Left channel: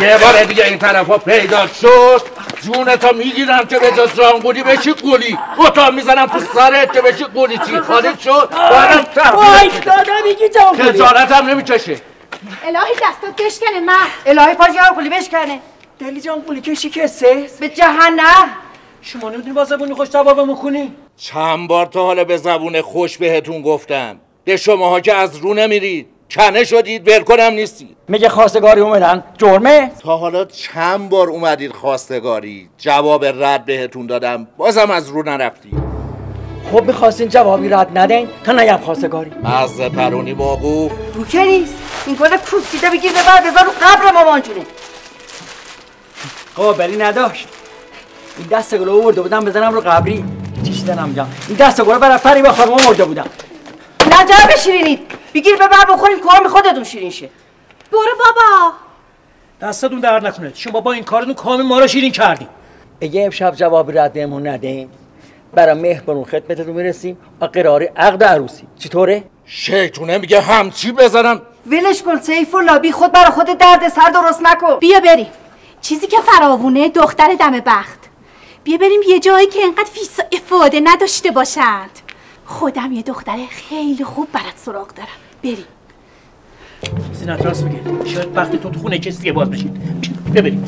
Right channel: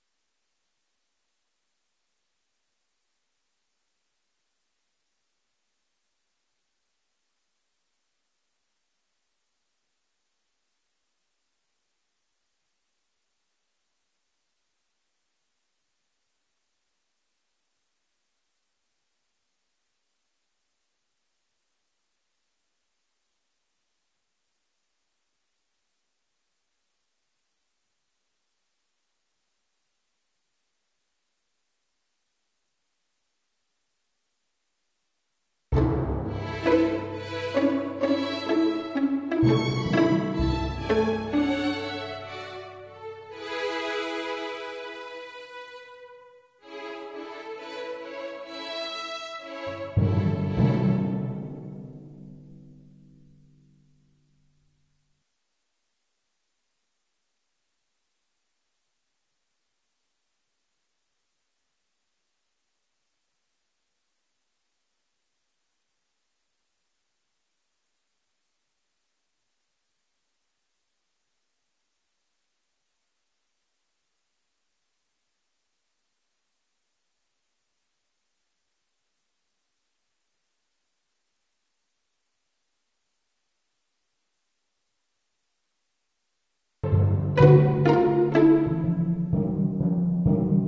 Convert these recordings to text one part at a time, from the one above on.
یه بار دیگه این طرفا پیدا شد جونتا میگیرم که به جز جانگولی بشی گولی گوتا میزنم تو سرت که بشی گولی چی خارج شد بارم وایس داده میگی جانگولی خجالت هم نمیکشه الهی دستات بشکنه مرد الهی پاش جانگولی بشکنه دلی جانگولی کشی کسه به جهنم شما نمیدونی با زبونی خوش جوابمون کنی چند بار تا حالا به زبون خوش بهتون گفتم به شماها که از رو نمیرید کنه شدید ولکنم نیستید میگه خواستگاری اومدن جرمه تا حالا چند بار اومدید خواستگاری جواب رد بهتون دادم بازم از رو نرفتید خب میخواستین جوابی رد ندین تا نگم خواستگاری از پرونی باقو تو که نیست این کل کوفتیده بگیر ببر بذار رو قبر مامان جونه قابلی نداشت این دست گلو آورده بودم بزنم رو قبری چیش دنم جام این دست گلو برای پری با خانم آورده بودم نجا بشیرینید بگیر ببر بخوریم کام خودتون شیرین شه برو بابا دستتون درد نکنه شما با این کارتون کام ما رو شیرین کردیم اگه امشب جواب رد بهمون ندین برای مهربانون خدمتتون میرسیم و قرار عقد عروسی چطوره شیطونه میگه همچی بزنم ولش کن سیف الله بی خود برای خود درد سر درست نکن بیا بریم چیزی که فراوونه دختر دم بخت بیا بریم یه جایی که انقدر فیس افاده نداشته باشند خودم یه دختر خیلی خوب برات سراغ دارم بریم چیزی نتراس میگه شاید وقتی تو خونه کسی باز بشید ببریم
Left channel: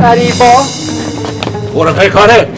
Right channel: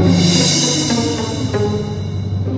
غریبا برو پی کاره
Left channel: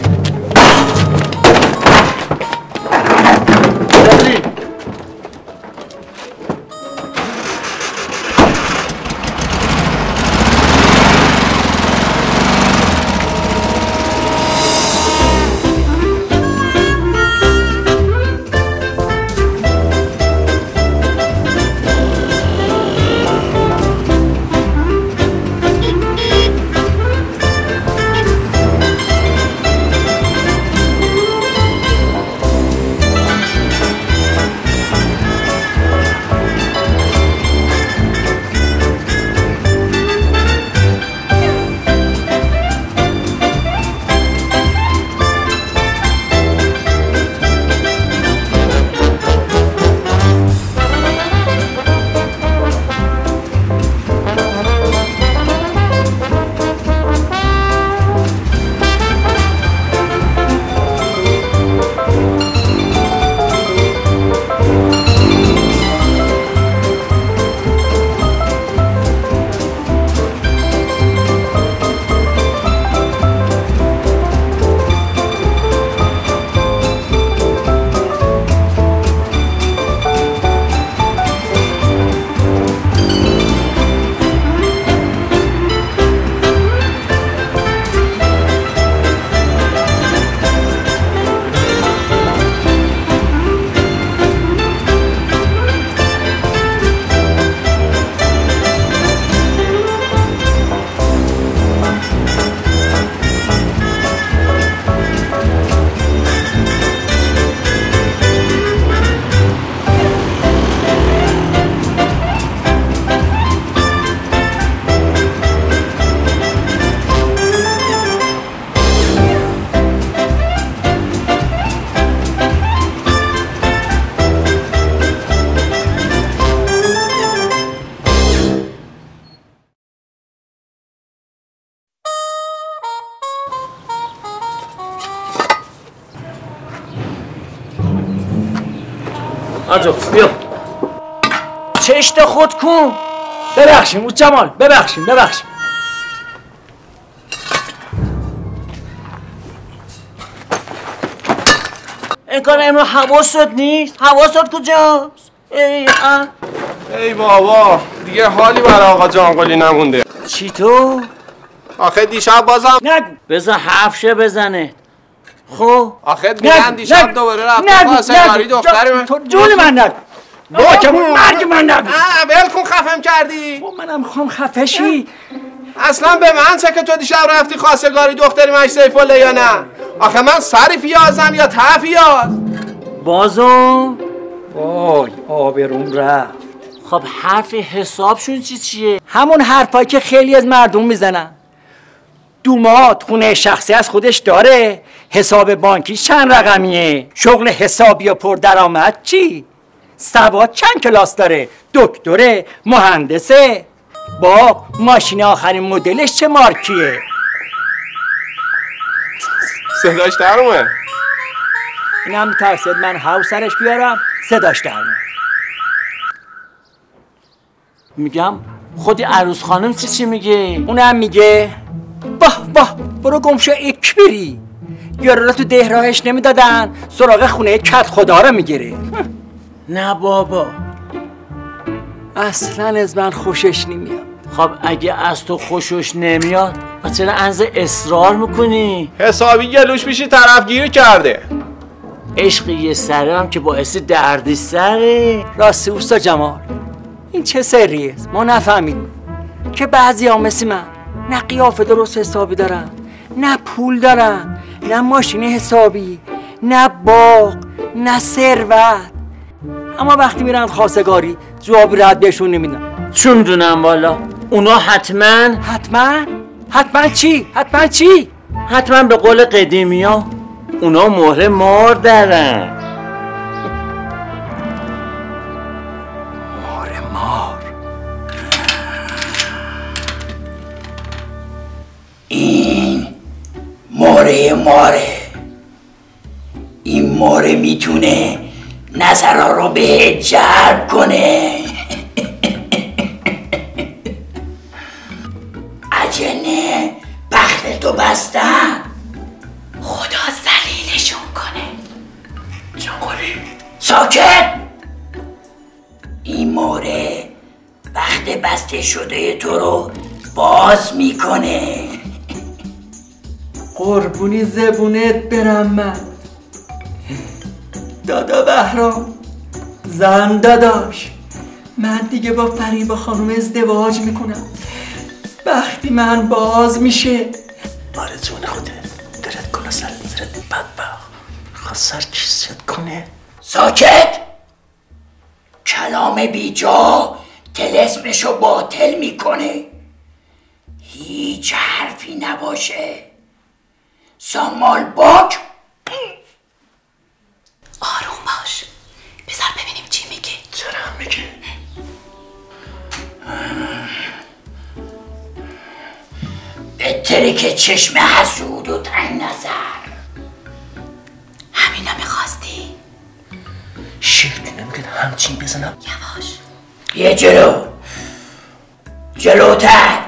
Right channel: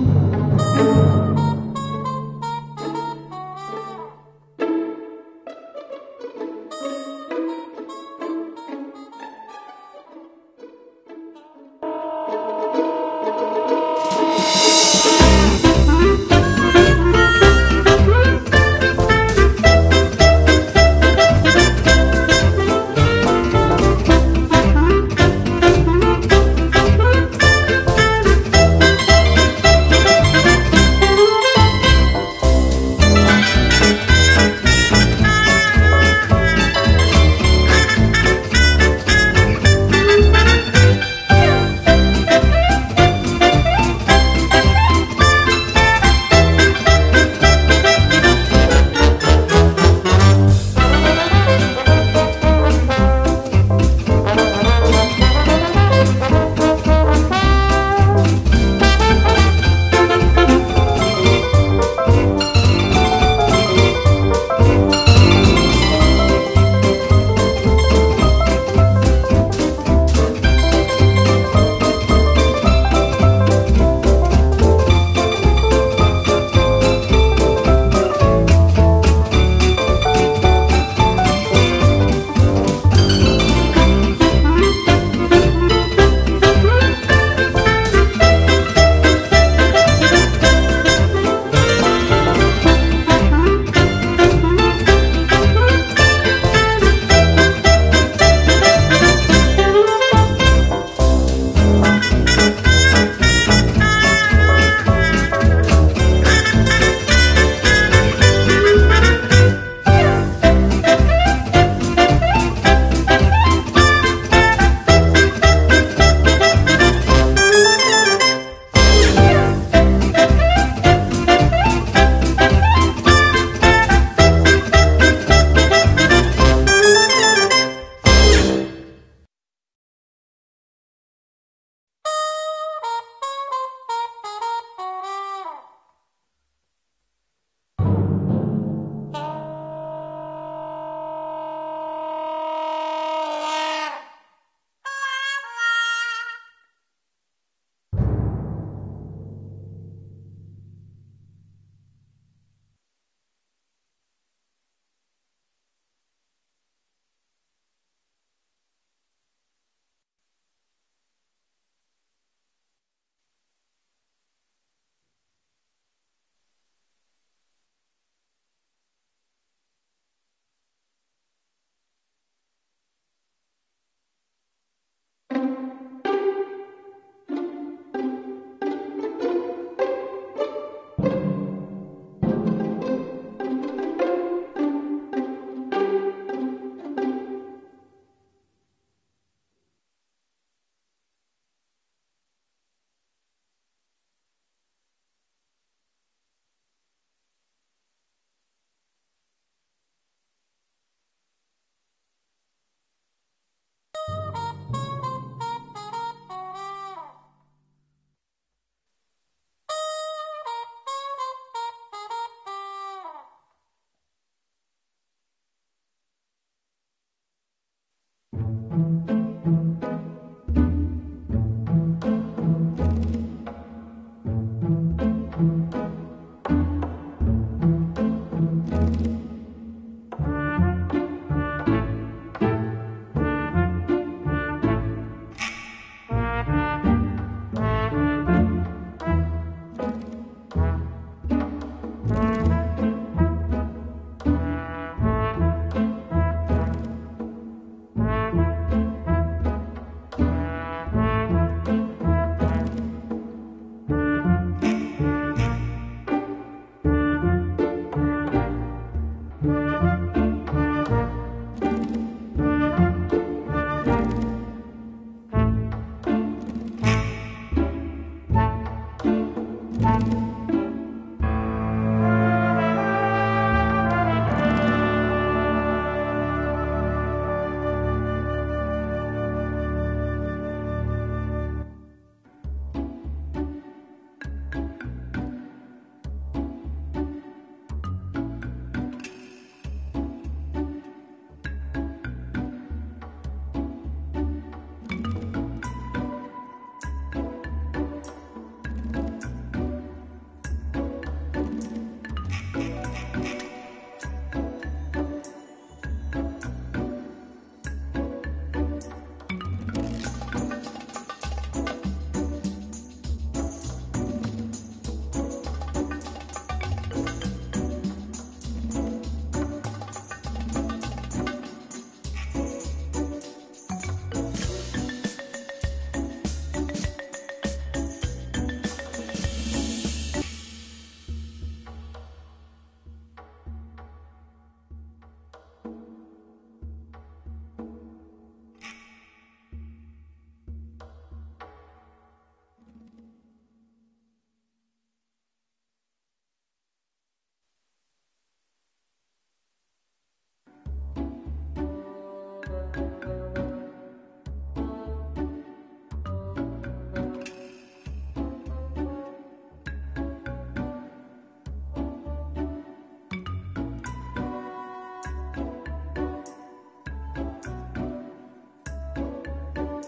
آجو بیا چشت خود کن ببخشیم او جمال ببخشیم این کار امرو حواست نیست حواست کجاست ای بابا دیگه حالی برای آقا جانگولی نمونده چی تو؟ آخه دیشب بازم نگو بذار حرفشه بزنه خب آخه میگن دیشب دوباره رفت خواستگاری دختر تو جون من نگو با که مرگ من نگو ول کن خفم کردی منم میخوام خفه شی اصلا به من چه که تو دیشب رفتی خواستگاری دختری مش سیف الله یا نه آخه من سری پیازم یا ته پیاز بازو وای آبرون رفت خب حرف حسابشون چیه همون حرفایی که خیلی از مردم میزنن دومات خونه شخصی از خودش داره حساب بانکی چند رقمیه شغل حسابی و پردرآمد چی سواد چند کلاس داره؟ دکتره، مهندسه. با ماشین آخرین مدلش چه مارکیه؟ صداش در اومد. اینم ترسید من هاوسرش بیارم صداش در اومد. میگم خودی عروس خانم چی میگه؟ اونم میگه باه برو گمشو اک بری. یارو تو ده راهش نمیدادن سراغ خونه کت خدا رو میگیره. نه بابا، اصلا از من خوشش نمیاد. خب اگه از تو خوشش نمیاد پس چرا انز اصرار میکنی؟ حسابی گلوش میشی طرفگیری کرده. عشق یه سره هم که باعث دردی سره. راستی اوستا جمال، این چه سریه؟ ما نفهمیدیم که بعضی ها مثل من نه قیافه درست حسابی دارن، نه پول دارن، نه ماشین حسابی، نه باغ، نه ثروت، اما وقتی میرن خواستگاری جواب رد بهشون نمیدن. چون دونم والا اونا حتما چی؟ حتما به قول قدیمی ها اونا مهر مار دارن. این ماره این ماره میتونه نظرها رو به جلب کنه. عجنه بخت تو بستن، خدا ذلیلشون کنه. جانگولی ساکت. این ماره بخت بسته شده تو رو باز میکنه. قربونی زبونت برم من. دادا بهرام، زن داداش، من دیگه با فریبا خانم ازدواج میکنم. وقتی من باز میشه آرزون خوده درد کنه سر بدبخت خواست سر کیست کنه. ساکت. کلام بیجا طلسمشو باطل میکنه. هیچ حرفی نباشه. سامال باک. آروم باش، بذار ببینیم چی میگه. چرا میگه؟ بهتره که چشم حسود و تنگ نظر. همینو میخواستی؟ شیط نمیگه همچین بزنم. یواش. یه جلوتر.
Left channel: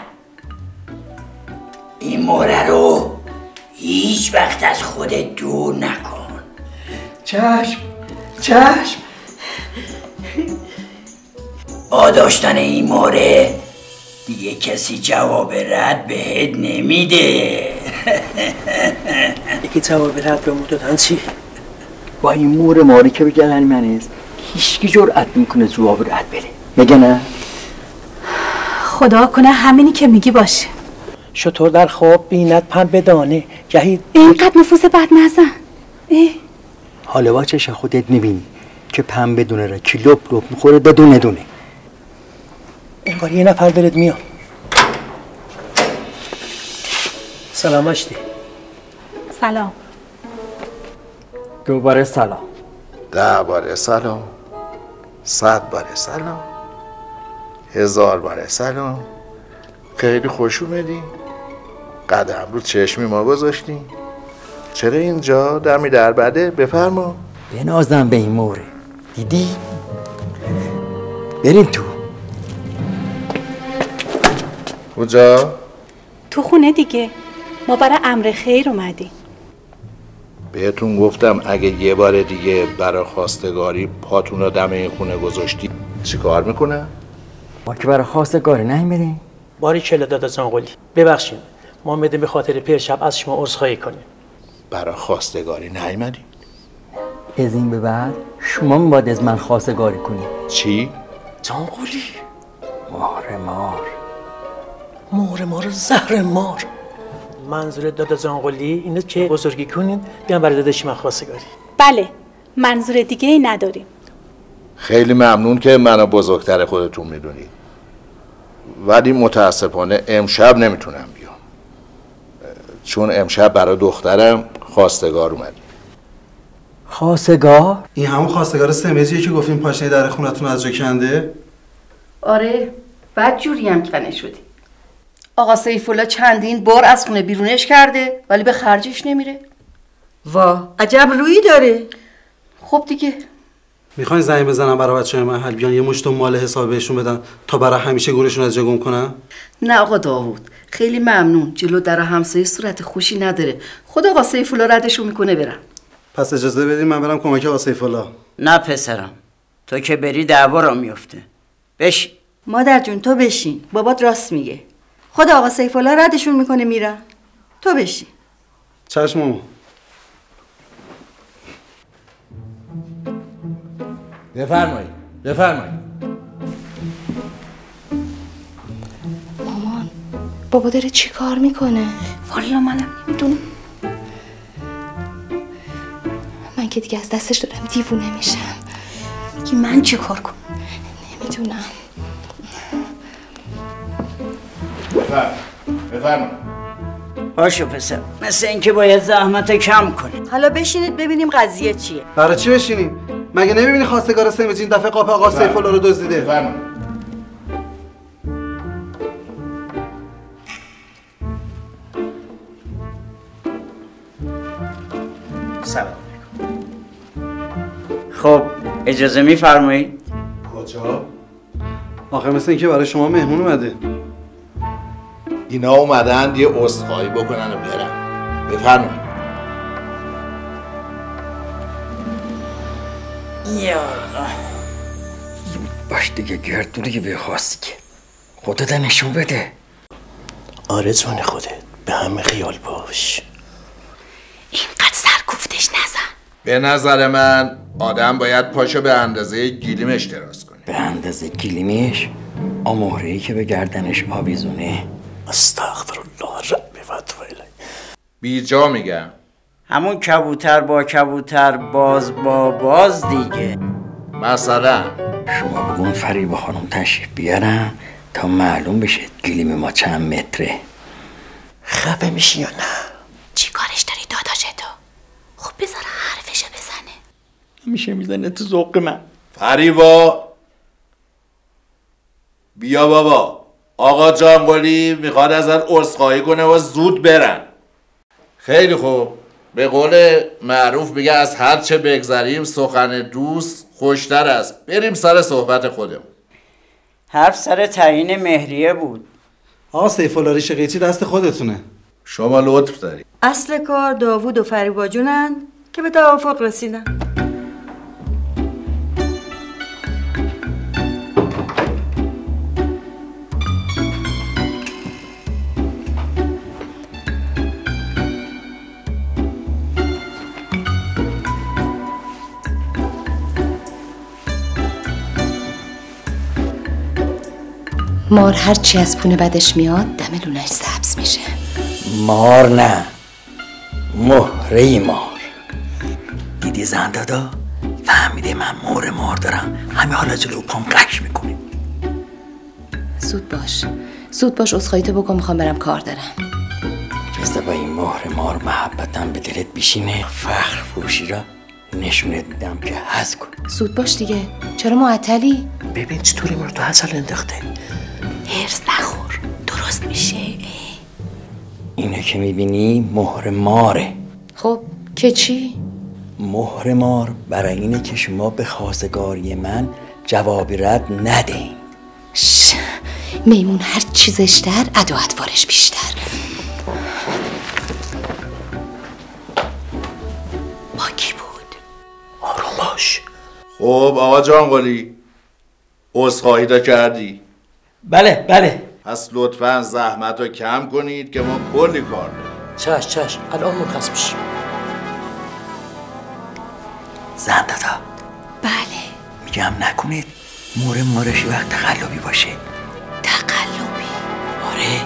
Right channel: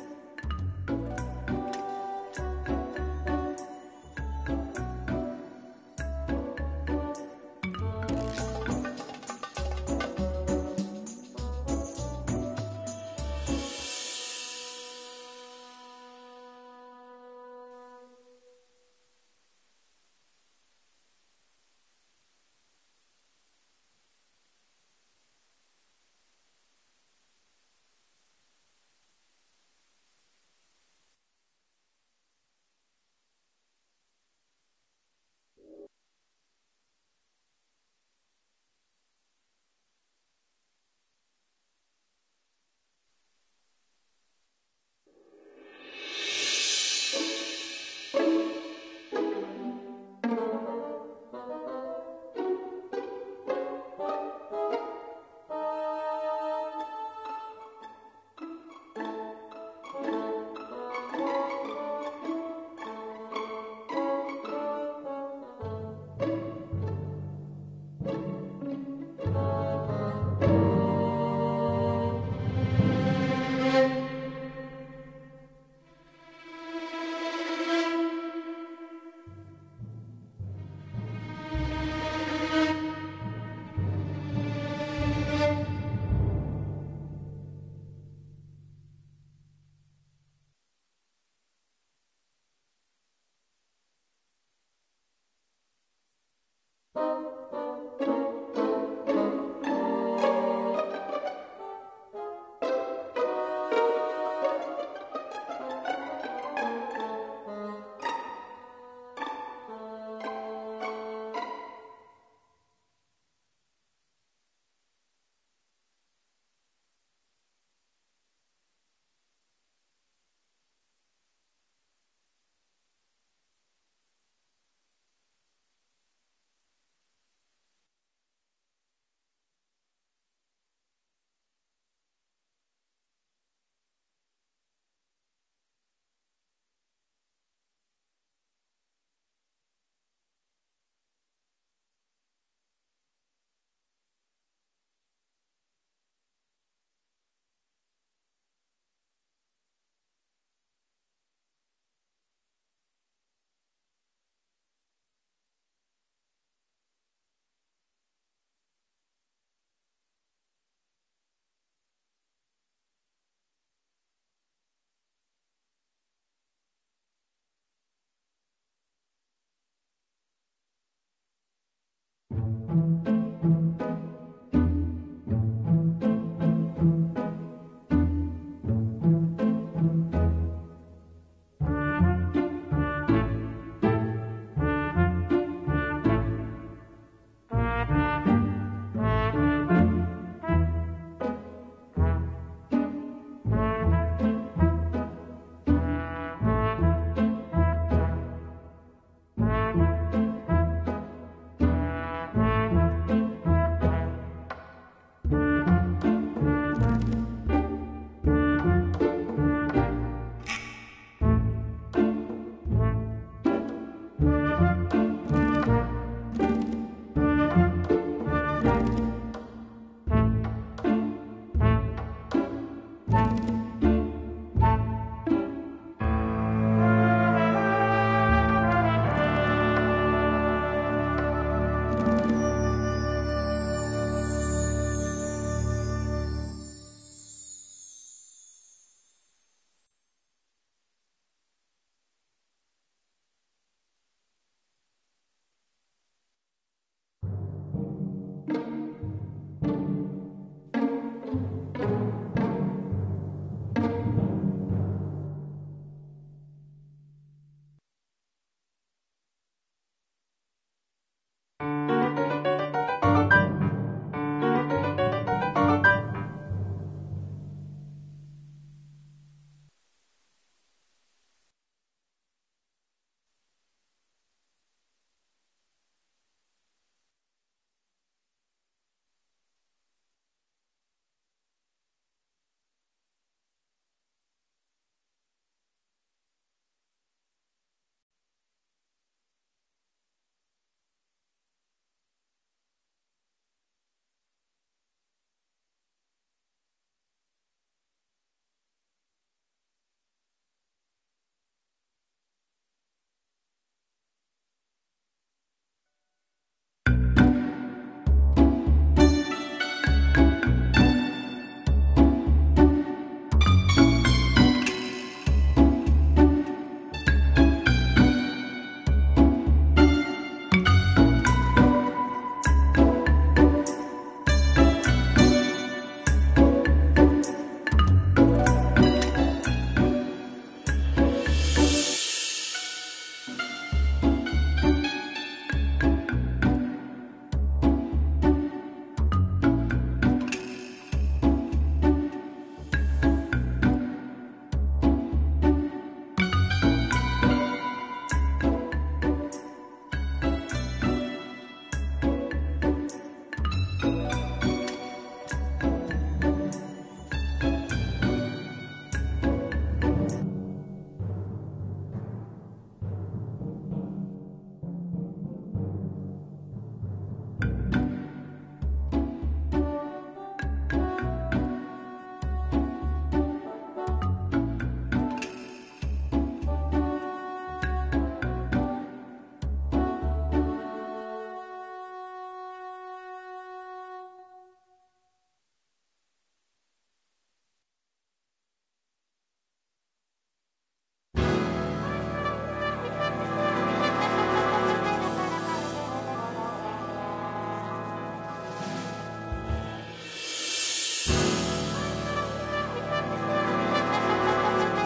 این موره رو هیچ وقت از خودت دور نکن. چشم. با داشتن این موره دیگه کسی جواب رد بهت نمیده. دیگه جواب رد به دادن چی؟ با این مور ماری که بگن من است هیچکی جرأت میکنه جواب رد بده. میگه نه؟ خدا کنه همینی که میگی باشه. شطور در خواب بیند پن بدانه گهی اینقدر نفوس بد نزن. حالا با چش خودت نبینی که پن بدونه را کی لپ میخوره دونه. انگار یه نفر دارد میاد. سلام آشتی. سلام. دوباره سلام. 10 باره سلام، 100 باره سلام، 1000 باره سلام. خیلی خوش اومدی. قدم رو چشمی ما گذاشتی. چرا اینجا دمی در بده؟ بفرما. بنازم به این موره. دیدی؟ بریم تو. کجا؟ تو خونه دیگه. ما برای امر خیر اومدیم. بهتون گفتم اگه یه بار دیگه برای خواستگاری پاتون رو دم این خونه گذاشتی چی کار میکنه؟ ما که برای خواستگاری نمیریم. باری کلا دادا جانقلی ببخشید ما اومدیم به خاطر پیر شب از شما عذرخواهی کنیم. برای خواستگاری نیومدی؟ از این به بعد شما باید از من خواستگاری کنید. چی؟ جانقلی مار زهر مار. منظور دادا جانقلی اینه که بزرگی کنین بیان برای داداش من خواستگاری. بله، منظور دیگه ای نداریم. خیلی ممنون که منو بزرگتر خودتون میدونید، ولی متاسفانه امشب نمیتونم بیام، چون امشب برای دخترم خواستگار اومدیم. خواستگار؟ این همون خواستگار سمجیه که گفتیم پاشنه در خونتون از جا کنده؟ آره، بد جوری هم کنه شدی. آقا سیفالله چندین بار از خونه بیرونش کرده ولی به خرجش نمیره. وا، عجب رویی داره. خب دیگه میخواین زنگ بزنم برای بچه‌های محل بیان یه مشت مال حساب بهشون بدن تا برای همیشه گورشون از جا گم کنن؟ نه آقا داوود، خیلی ممنون. جلو در همسایه صورت خوشی نداره. خود آقا سیفالله ردشون میکنه برن. پس اجازه بدین من برم کمک آقا سیفالله. نه پسرم، تو که بری دعوا را میفته. بشین. مادر جون تو بشین، بابات راست میگه. خود آقا سیفالله ردشون میکنه میرن. تو بشین. چشم ماما. بفرمایید بفرمایید. مامان بابا داره چی کار میکنه؟ والا منم نمیدونم. من که دیگه از دستش دارم دیوونه میشم. که من چه کار کنم؟ نمیدونم. بفرمایید. باشه پسر، مثل اینکه باید زحمت کم کنی. حالا بشینید ببینیم قضیه چیه. برای چی بشینیم؟ مگه نمیبینی خواستگار سمجی این دفعه قاپ آقا سیفالله رو دزدیده؟ سلام. خب اجازه میفرمایید؟ کجا؟ آخه مثل اینکه برای شما مهمون اومده. اینا اومدن یه عذرخواهی بکنن و برن. بفرمایید. یا باش دیگه گردونی که بخواستی که خودت نشون بده. آره جان خودت، به همه خیال باش. اینقدر سرکوفتش نزن. به نظر من آدم باید پاشو به اندازه گیلیمش دراز کنه. به اندازه گیلیمش؟ آموهره‌ای که به گردنش آویزونه. استغفرالله ربی و اتوب الیه. بیجا میگم. همون کبوتر با کبوتر باز با باز دیگه. مثلا شما بگون فریبا خانم تشریف بیارن تا معلوم بشه گلیم ما چند متره. خفه میشی یا نه؟ چی کارش داری داداشتو؟ خب بذار حرفشو بزنه. میشه میزنه تو ذوق من. فریبا بیا بابا، آقا جانقلی میخواد ازت عذرخواهی کنه و زود برن. خیلی خوب، به قول معروف میگه از هر چه بگذریم سخن دوست خوشتر است. بریم سر صحبت خودمون. حرف سر تعیین مهریه بود. آقا سیفالله ریش قیچی دست خودتونه. شما لطف داری. اصل کار داوود و فریبا جونن که به توافق رسیدن. مار هرچی از پونه بدش میاد دم لونش سبز میشه. مار نه، مهره مار. دیدی زن دادا؟ فهمیده من مهره مار دارم، همه حالا جلو پام قش میکنه. زود باش عذرخواهیتو بکن، میخوام برم کار دارم. رسته با این مهره مار محبتم به دلت بیشینه، فخر فروشی را نشونت میدم که حس کن. زود باش دیگه، چرا معطلی؟ ببین چطوری ما رو تو حسل انداخته. هرس نخور، درست میشه. اینه که میبینی مهر ماره. خب که چی؟ مهر مار برای اینه که شما به خواستگاری من جوابی رد ندین. میمون هر چی زشتر ادا اطوارش بیشتر. با کی بود؟ آروم باش. خب آقا جانقلی، عذرخواهی دا کردی؟ بله. پس لطفاً زحمت رو کم کنید که ما کلی کار داریم. چش الان مرخص میشی. زن دادا. بله. میگم نکنید مهر مارش وقت تقلبی باشه. تقلبی؟ آره،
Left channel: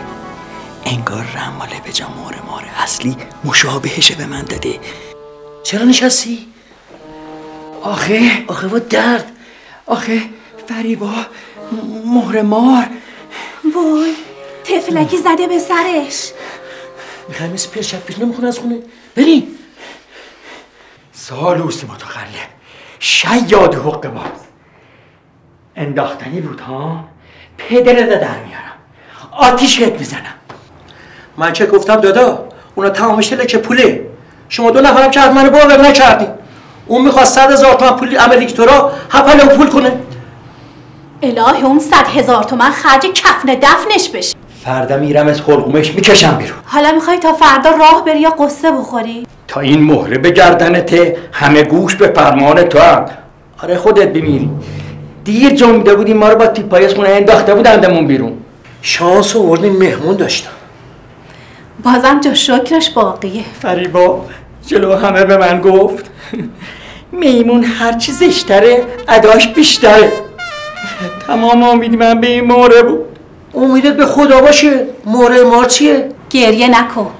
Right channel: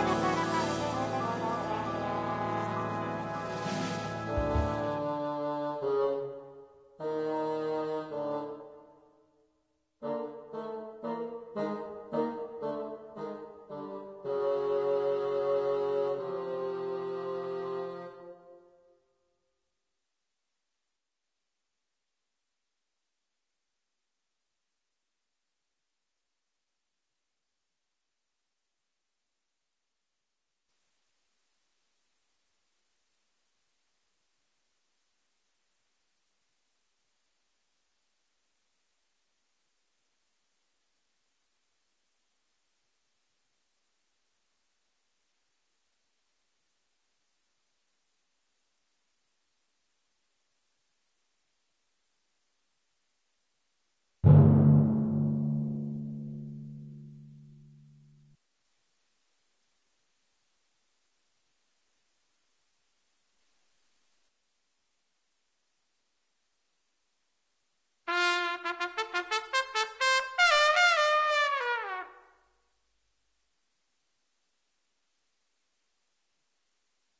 انگار رماله به جا مهر اصلی مشابهش به من داده. چرا نشستی؟ آخه با درد. آخه فریبا مهر مار. وای تفلکی زده به سرش. میخوای مثل پیر شب پیش نمیخونه از خونه؟ بریم. سالوس متخلف، شیاد حق باز. انداختنی بود ها؟ پدرت در میارم، آتیشت میزنم. من چه گفتم دادا؟ اونا تمامش لکه پوله. شما 2 نفرم که از منو باور نکردی. اون میخواست 100,000 تومن پول امریکتورا هپلو پول کنه. الهی اون 100,000 تومن خرج کفن دفنش بشه. فردا میرم از حلقومش میکشم بیرون. حالا میخوای تا فردا راه بری یا قصه بخوری؟ تا این مهره به گردنته، همه گوش به فرمان تو هم. آره خودت بمیری. دیر جنبیده بودیم ما رو با تیپای از خونه انداخته بودندمون بیرون. شانس آوردیم مهمون داشتم. بازم جا شکرش باقیه. فریبا جلو همه به من گفت میمون هرچی زشتره اداش بیشتره. تمام امید من به این مهره بود. امیدت به خدا باشه. مهره مار چیه؟ گریه نکن.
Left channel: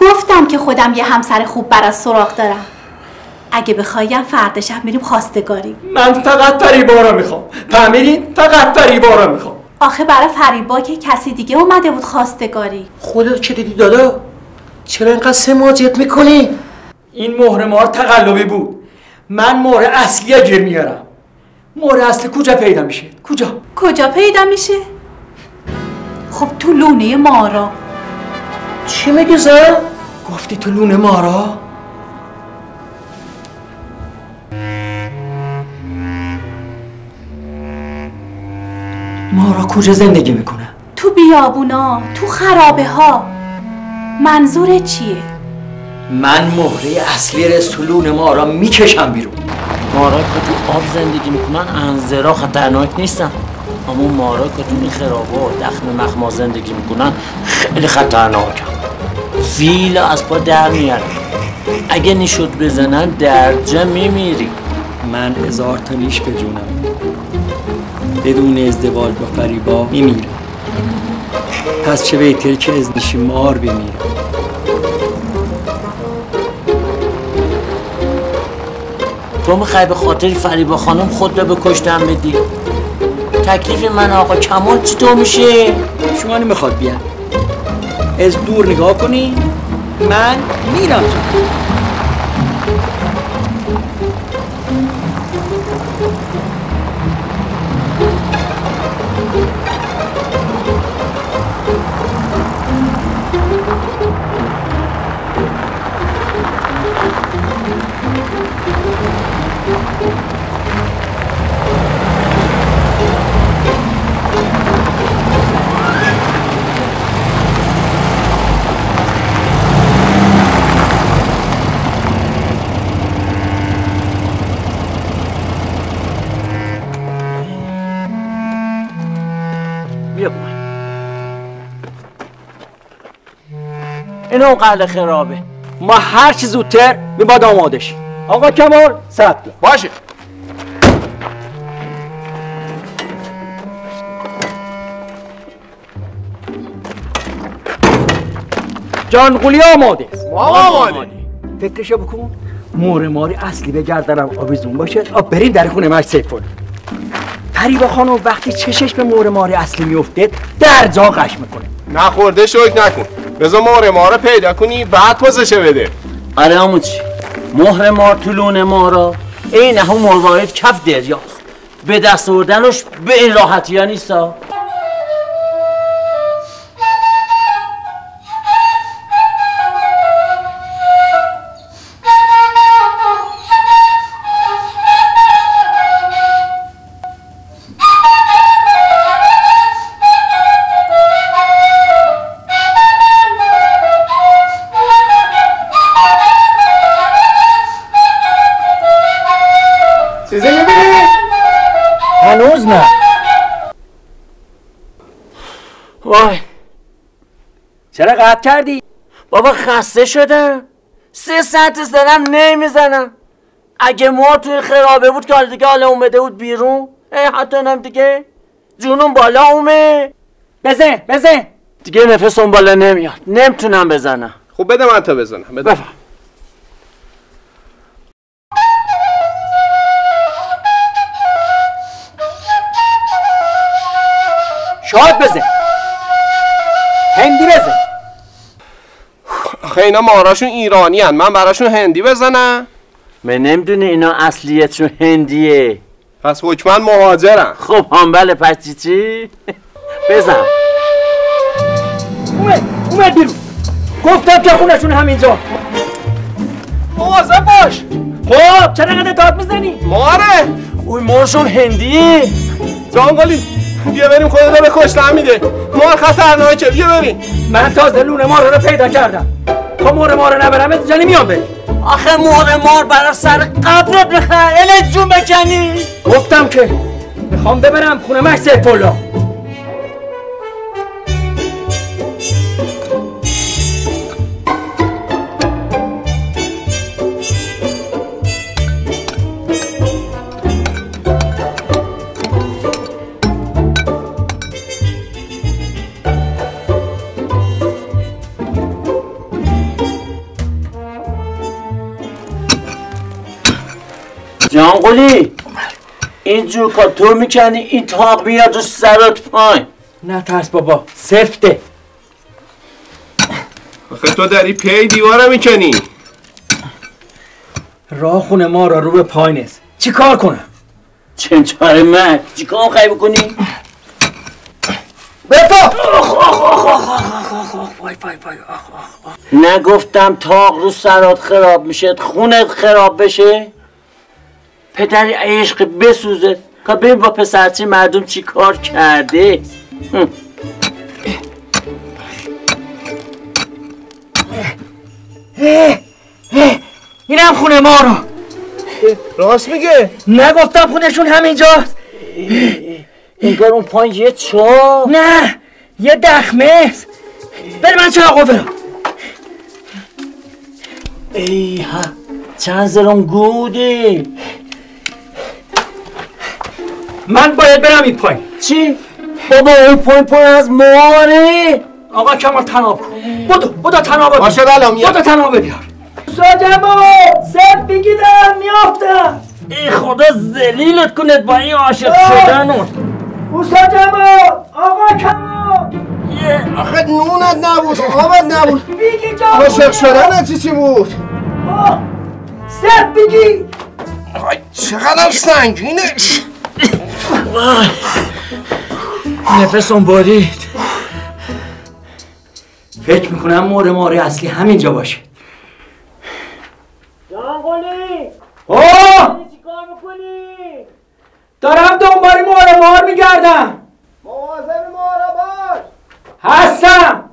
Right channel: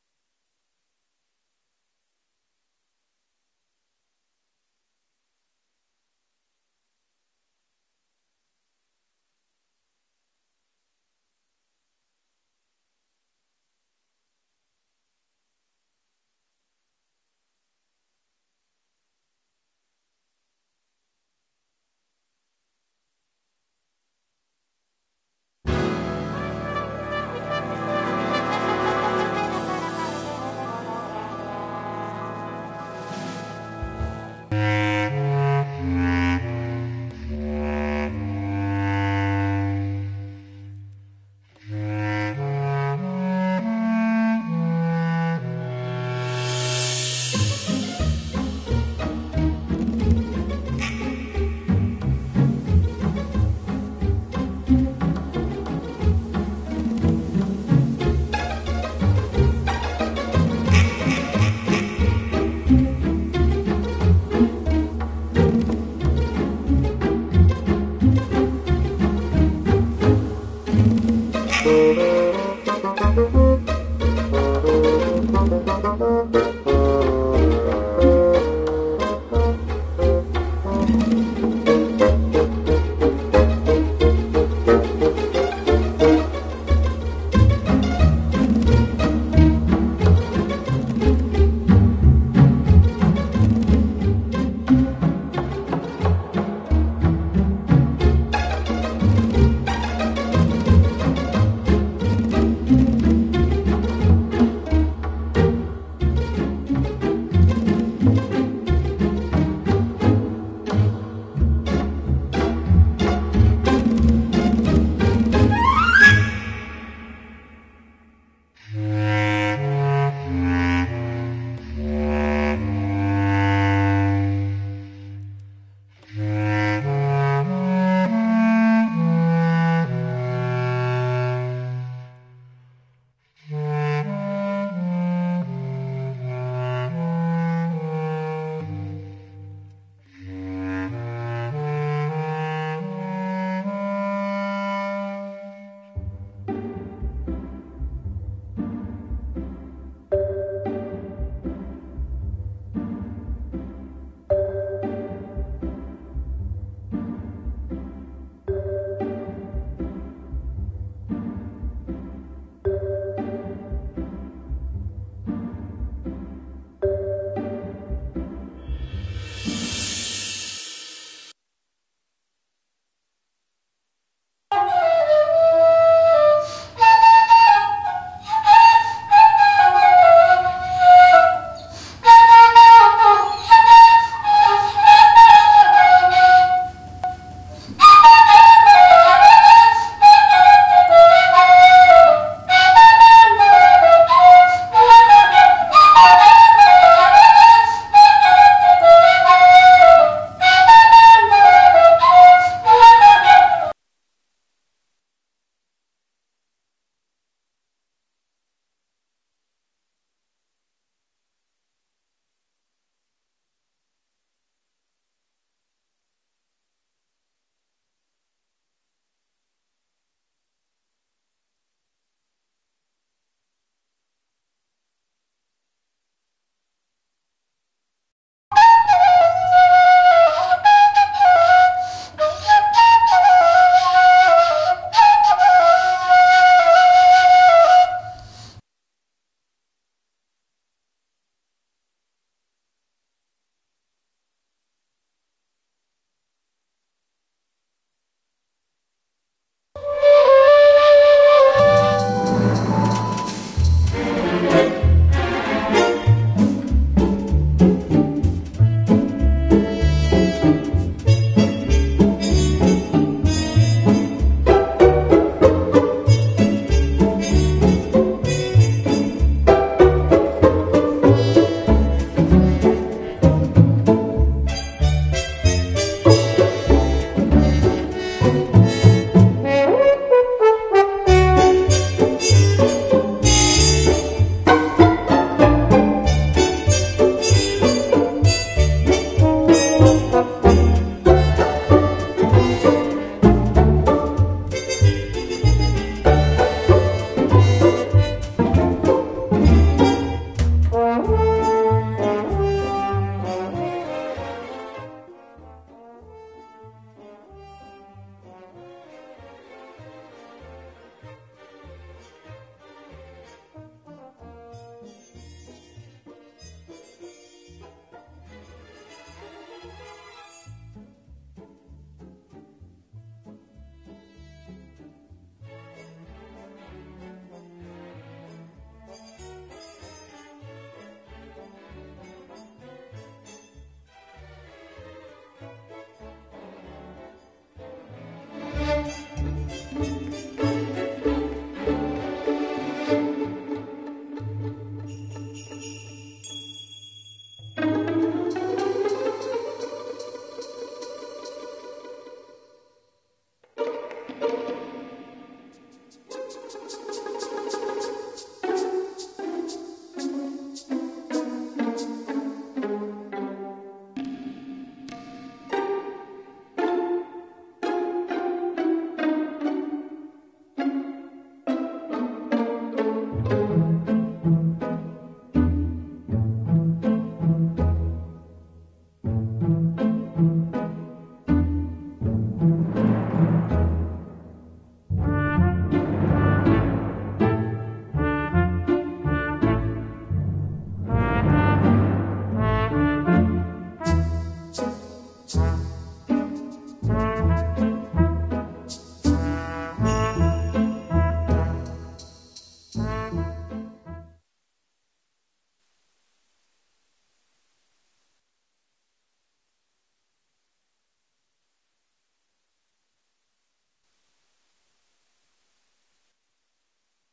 گفتم که خودم یه همسر خوب برات سراغ دارم. اگه بخوایم فردا شب میریم خواستگاری. من فقط فریبا رو میخوام. فهمیدین؟ فقط فریبا رو میخوام. آخه برای فریبا که کسی دیگه اومده بود خواستگاری. خودت چه دیدی دادا؟ چرا اینقدر سماجت میکنی؟ این مهره مار تقلبی بود. من مهره اصلی گیر میارم. مهره اصلی کجا پیدا میشه؟ کجا پیدا میشه؟ خب تو لونه مارا. چی میگی زن؟ گفتی تو لونه مارا؟ مارا کجا زندگی میکنه؟ تو بیابونا، تو خرابه ها. منظورت چیه؟ من مهره اصلی رسولون مارا میکشم بیرون. مارا که تو آب زندگی میکنن انزرا خطرناک نیستن، اما مارا که تو خرابه و دخم مخما زندگی میکنن خیلی خطرناکن. فیل از پا در میارن، اگه نیشت بزنن درجه میمیری. من 1000 تا نیش بجونم بدون ازدواج با فریبا میمیرم. پس چه بهتر که از نیش مار بمیرم. تو میخوای به خاطر فریبا خانم خود رو به کشتن بدی؟ تکلیف من آقا کمال چطور میشه؟ شما نمیخواد بیان از دور نگاه کنی؟ من میرم. اینو قلعه خرابه. ما هر چی زودتر میباد آماده شیم. آقا کمال ثبت باشه. جانقولی آماده است. ما آماده. فکرشو بکن. مهره ماری اصلی به گردنم آویزون باشه. بریم در خونه مش سیفون. فریبا خانم وقتی چشش به مهره ماری اصلی میفته در جا قش میکنه. نخورده شوک نکن. بذار مهره مار پیدا کنی بعد پوزشه بده. آره آموزی. مهره مار تو لونه مارا این همون مروارید کف دریاست. به دست آوردنش به این راحتی ها نیستا. چرا قطع کردی؟ بابا خسته شدم. 3 ساعت دارم نمیزنم. اگه مار توی خرابه بود که حالا دیگه حالا اومده بود بیرون. حتی هم دیگه جونم بالا اومه. بزن دیگه نفسم بالا نمیاد. نمیتونم بزنم. خب بده من تا بزنم. بده. شاد بزن. هندی بزن. آخه اینا ماراشون ایرانی هن. من براشون هندی بزنم؟ من نمیدونی اینا اصلیتشون هندیه. پس حکماً مهاجرن. خب هم بله پس چی؟ بزن. اومد بیرون. گفتم که خونشون همینجا. مواظب باش. خب چرا اینقدر داد میزنی؟ ماره. اوی مارشون هندیه. جانگلی بیا بریم خودت رو به کشتن میده. مار خطرناکه. بیا بریم. من تازه لونه مار رو پیدا کردم. تا مار نبرم اینجا نمیام بریم. آخه مار برای سر قبرت بخواه الان جون بکنی. گفتم که میخوام ببرم خونه مش سیف‌الله. جانقلی اینجور که تو میکنی این تاق میاد رو سرت پایین. نه ترس بابا سفته. آخه تو داری پی دیواره میکنی. راه خونه ما رو به پای نیست. چی کار کنم؟ چنچاره مرد چی کار خواهی بکنی؟ بپا! نگفتم تاق رو سرات خراب میشه خونت خراب بشه؟ پدری عشق بسوزه که ببین با پسرچی مردم چی کار کرده. اینم خونه ما رو. راست میگه؟ نگفتم خونشون همینجاست. انگار اون پایین یه چاه. نه یه دخمه است. بره من چراغو برم. ای ها چند زرم گوده. من باید برم این پایین. چی؟ بابا اون پایین از ماره. آقا کمال تناب کن. بودو تناب بیار. باشه بلا میاد. بودو تناب بیار. ساجمو سب بگیدم میافتم. ای خدا ذلیلت کنت با این عاشق شدن. ساجمو آقا کمال. آخه نونت نبود آبت نبود. بگی جان عاشق شدن چی بود؟ سب بگی. چقدر سنگینه. نفسم برید. فکر میکنم مار اصلی همینجا باشه. جانقلی اوه چی کار میکنی؟ دارم دنبال مار میگردم. مواظب مارا باش. هستم.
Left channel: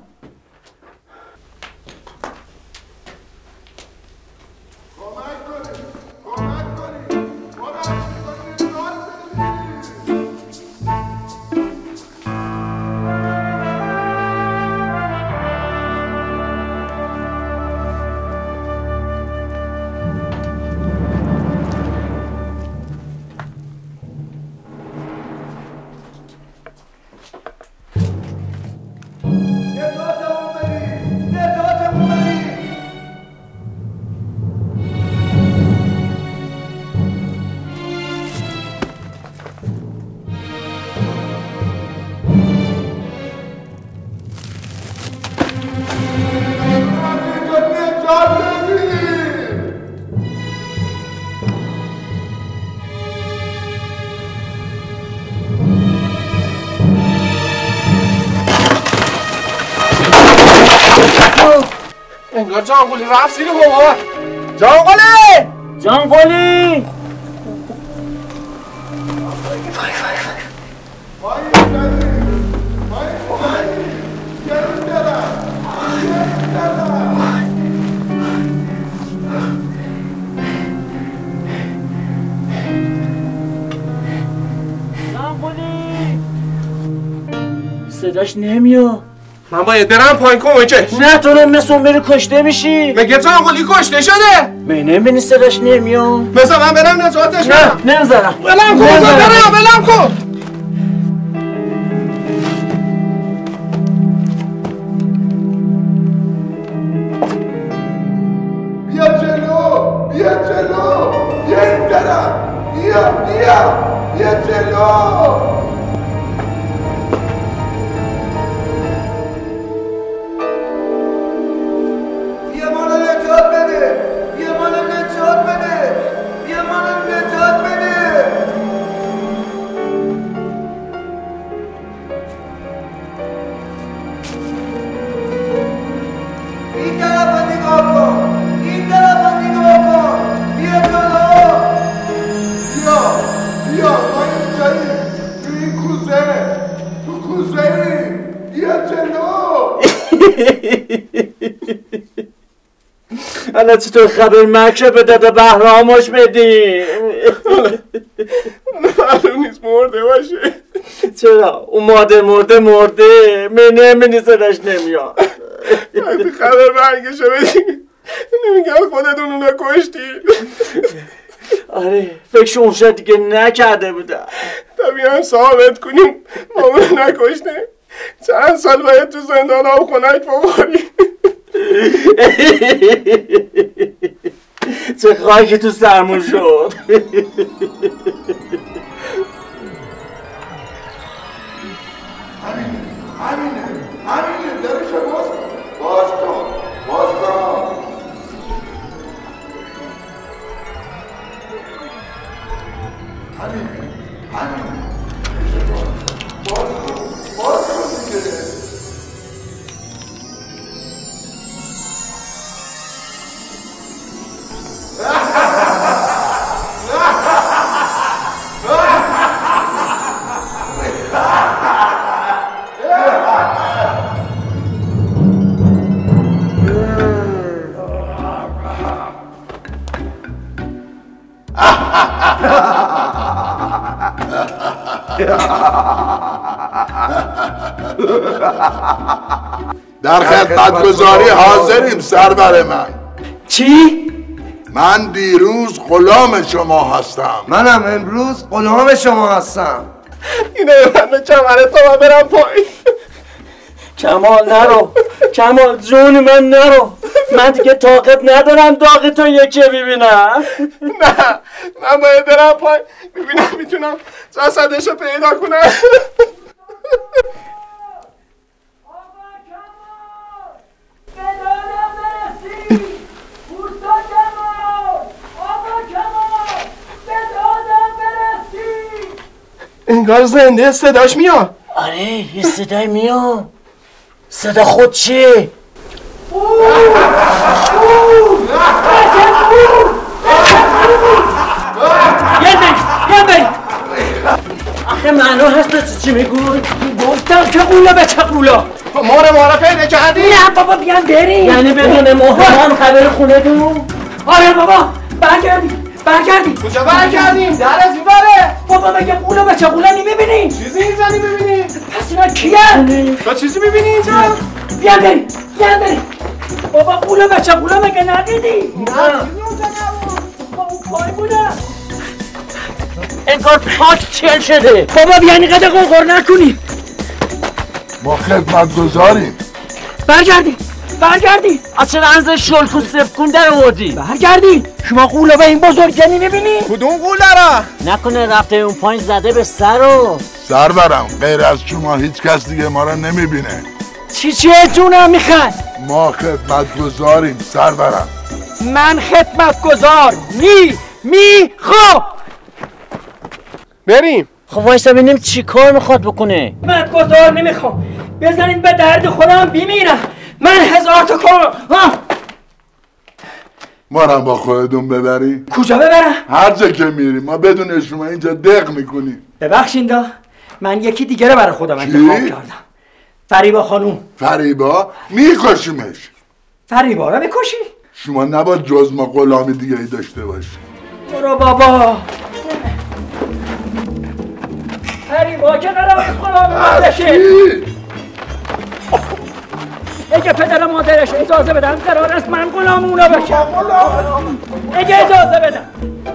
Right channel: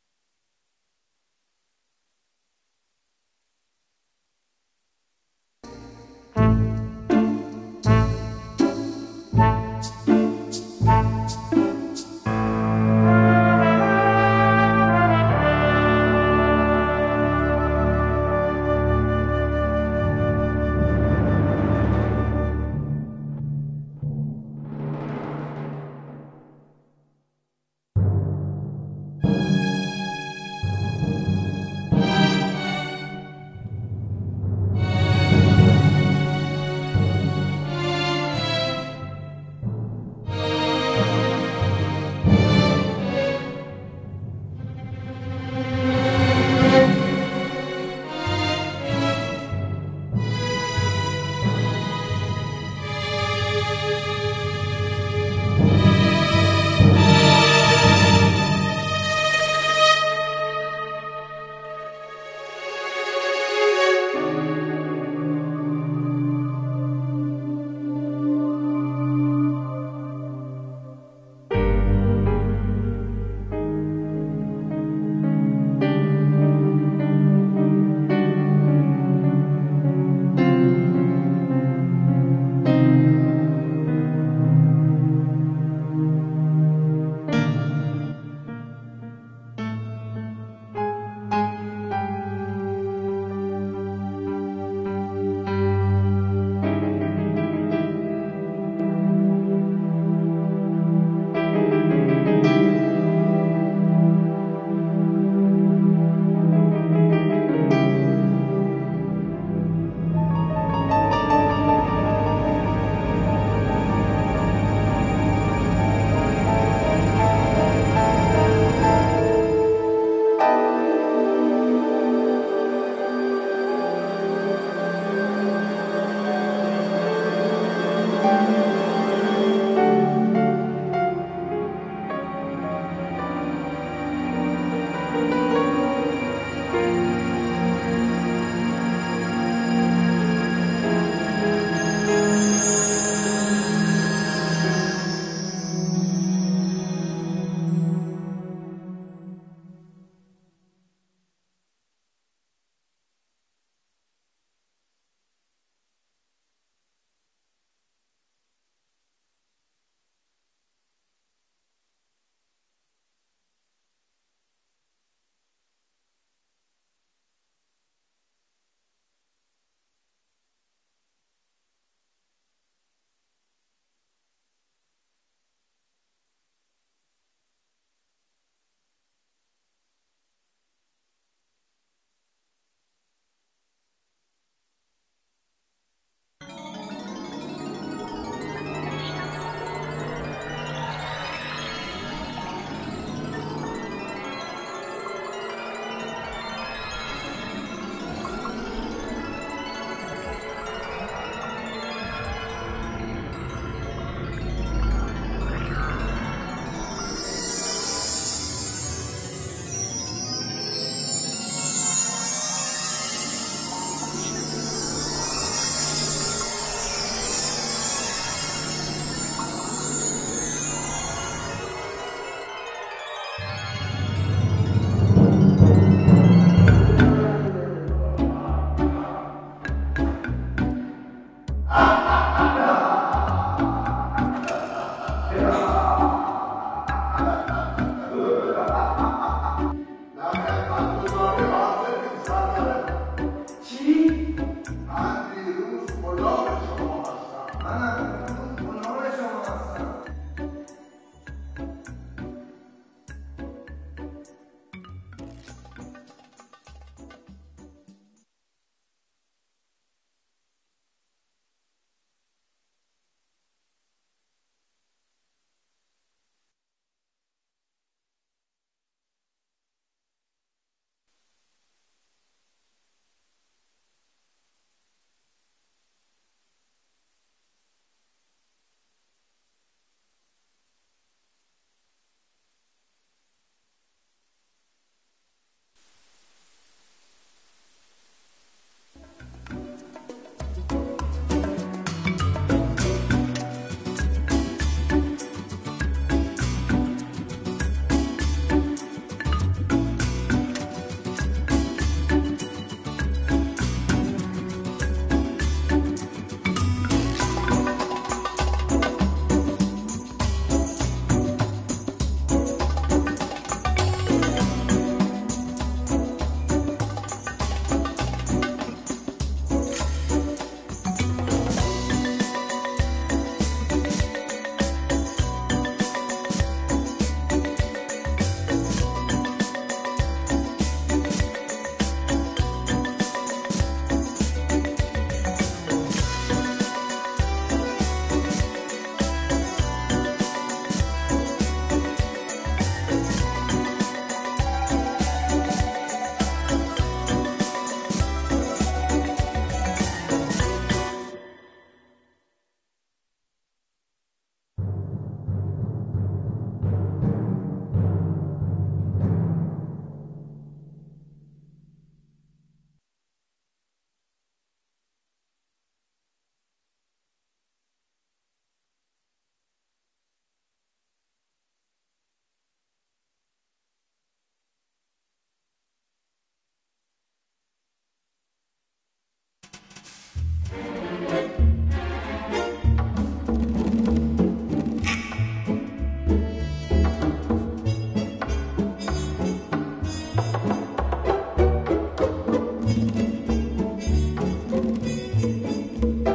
انگار جانقلی رفت زیر بابا. جانقلی صداش نمیاد. من باید برم پایین کمکش. نه تو مثل اون بری کشته میشی. مگه جانقلی کشته شده؟ می نمیبینی صداش نمیاد. بذار من برم نجاتش بدم. نه نمیذارم. بلم کن بلم کن. بیا جلو بیا این طرف بیا جلو. بیا ما رو نجات بده. حالا چطور خبر مکشه به داده بهرامش بدیم؟ معلوم نیست مرده باشه. چرا؟ اون مرده منی صداش نمیاد. وقتی خبر مرگشو بدیم نمیگم خودتون اونو کشتی. آره فکر اون شد دیگه نکرده بودم. تا بیان ثابت کنیم ما اونو نکشته چند سال باید تو زندان ها و خنک بخوریم. چه خاکی تو سرمون شد. در خدمتگزاری حاضریم سرور من. چی؟ من دیروز غلام شما هستم. منم امروز غلام شما هستم. اینو ببنده کمره تا من برم پایین. کمال نرو، کمال جون من نرو. من دیگه طاقت ندارم داغتو یکی ببینم. نه من باید برم پایین ببینم میتونم جسدشو پیدا کنم. انگار زنده صداش میاد. آره یه صدای میاد. صدا خود چیه؟ آخه معلوم هست چی میگو؟ گفتم که قولا به چه قولا؟ مهره پیدا کردی؟ نه بابا بیان بریم. یعنی بدون مهرم خبر خونه دون؟ آره بابا برگردیم. کجا برگردیم؟ در از این باره. بابا مگه قولا به چه قولا نمیبینی؟ چیزی میزنی ببینی؟ پس اینا کیه؟ تو چیزی میبینی اینجا؟ بیان بریم. بابا قولا به چه قولا مگه ندیدی؟ نه پای بودم انگار پاک چل شده. بابا بیانی قدر قرقر نکنی. ما خدمتگزاریم. برگردی از چه رنز شلک و سفکون در آوردی؟ برگردی شما قوله به این بزرگی نمیبینی؟ کدوم قوله را؟ نکنه رفته اون پایین زده به سر رو. سرورم غیر از شما هیچ کس دیگه ما رو نمیبینه. چیه جونم میخواد؟ ما خدمتگزاریم سرورم. من خدمتگزار میخوام. بریم. خب وایسا ببینیم چی کار میخواد بکنه. خدمتگزار نمیخوام. بزنید به درد خودم بمیرم. من 1000 تا کار. ما رو با خودتون ببری؟ کجا ببرم؟ هر جا که میریم ما بدون شما اینجا دق میکنیم. ببخشید من یکی دیگه رو برای خودم انتخاب کردم. فریبا خانوم. فریبا؟ میکشیمش. فریبا رو میکشی؟ شما نباید جز ما غلامی دیگه ای داشته باشی. برو بابا. فریبا که قرار است غلام بشه. اگه پدر مادرش اجازه بدن قرار است من غلام اونا بشم. اگه اجازه بدن.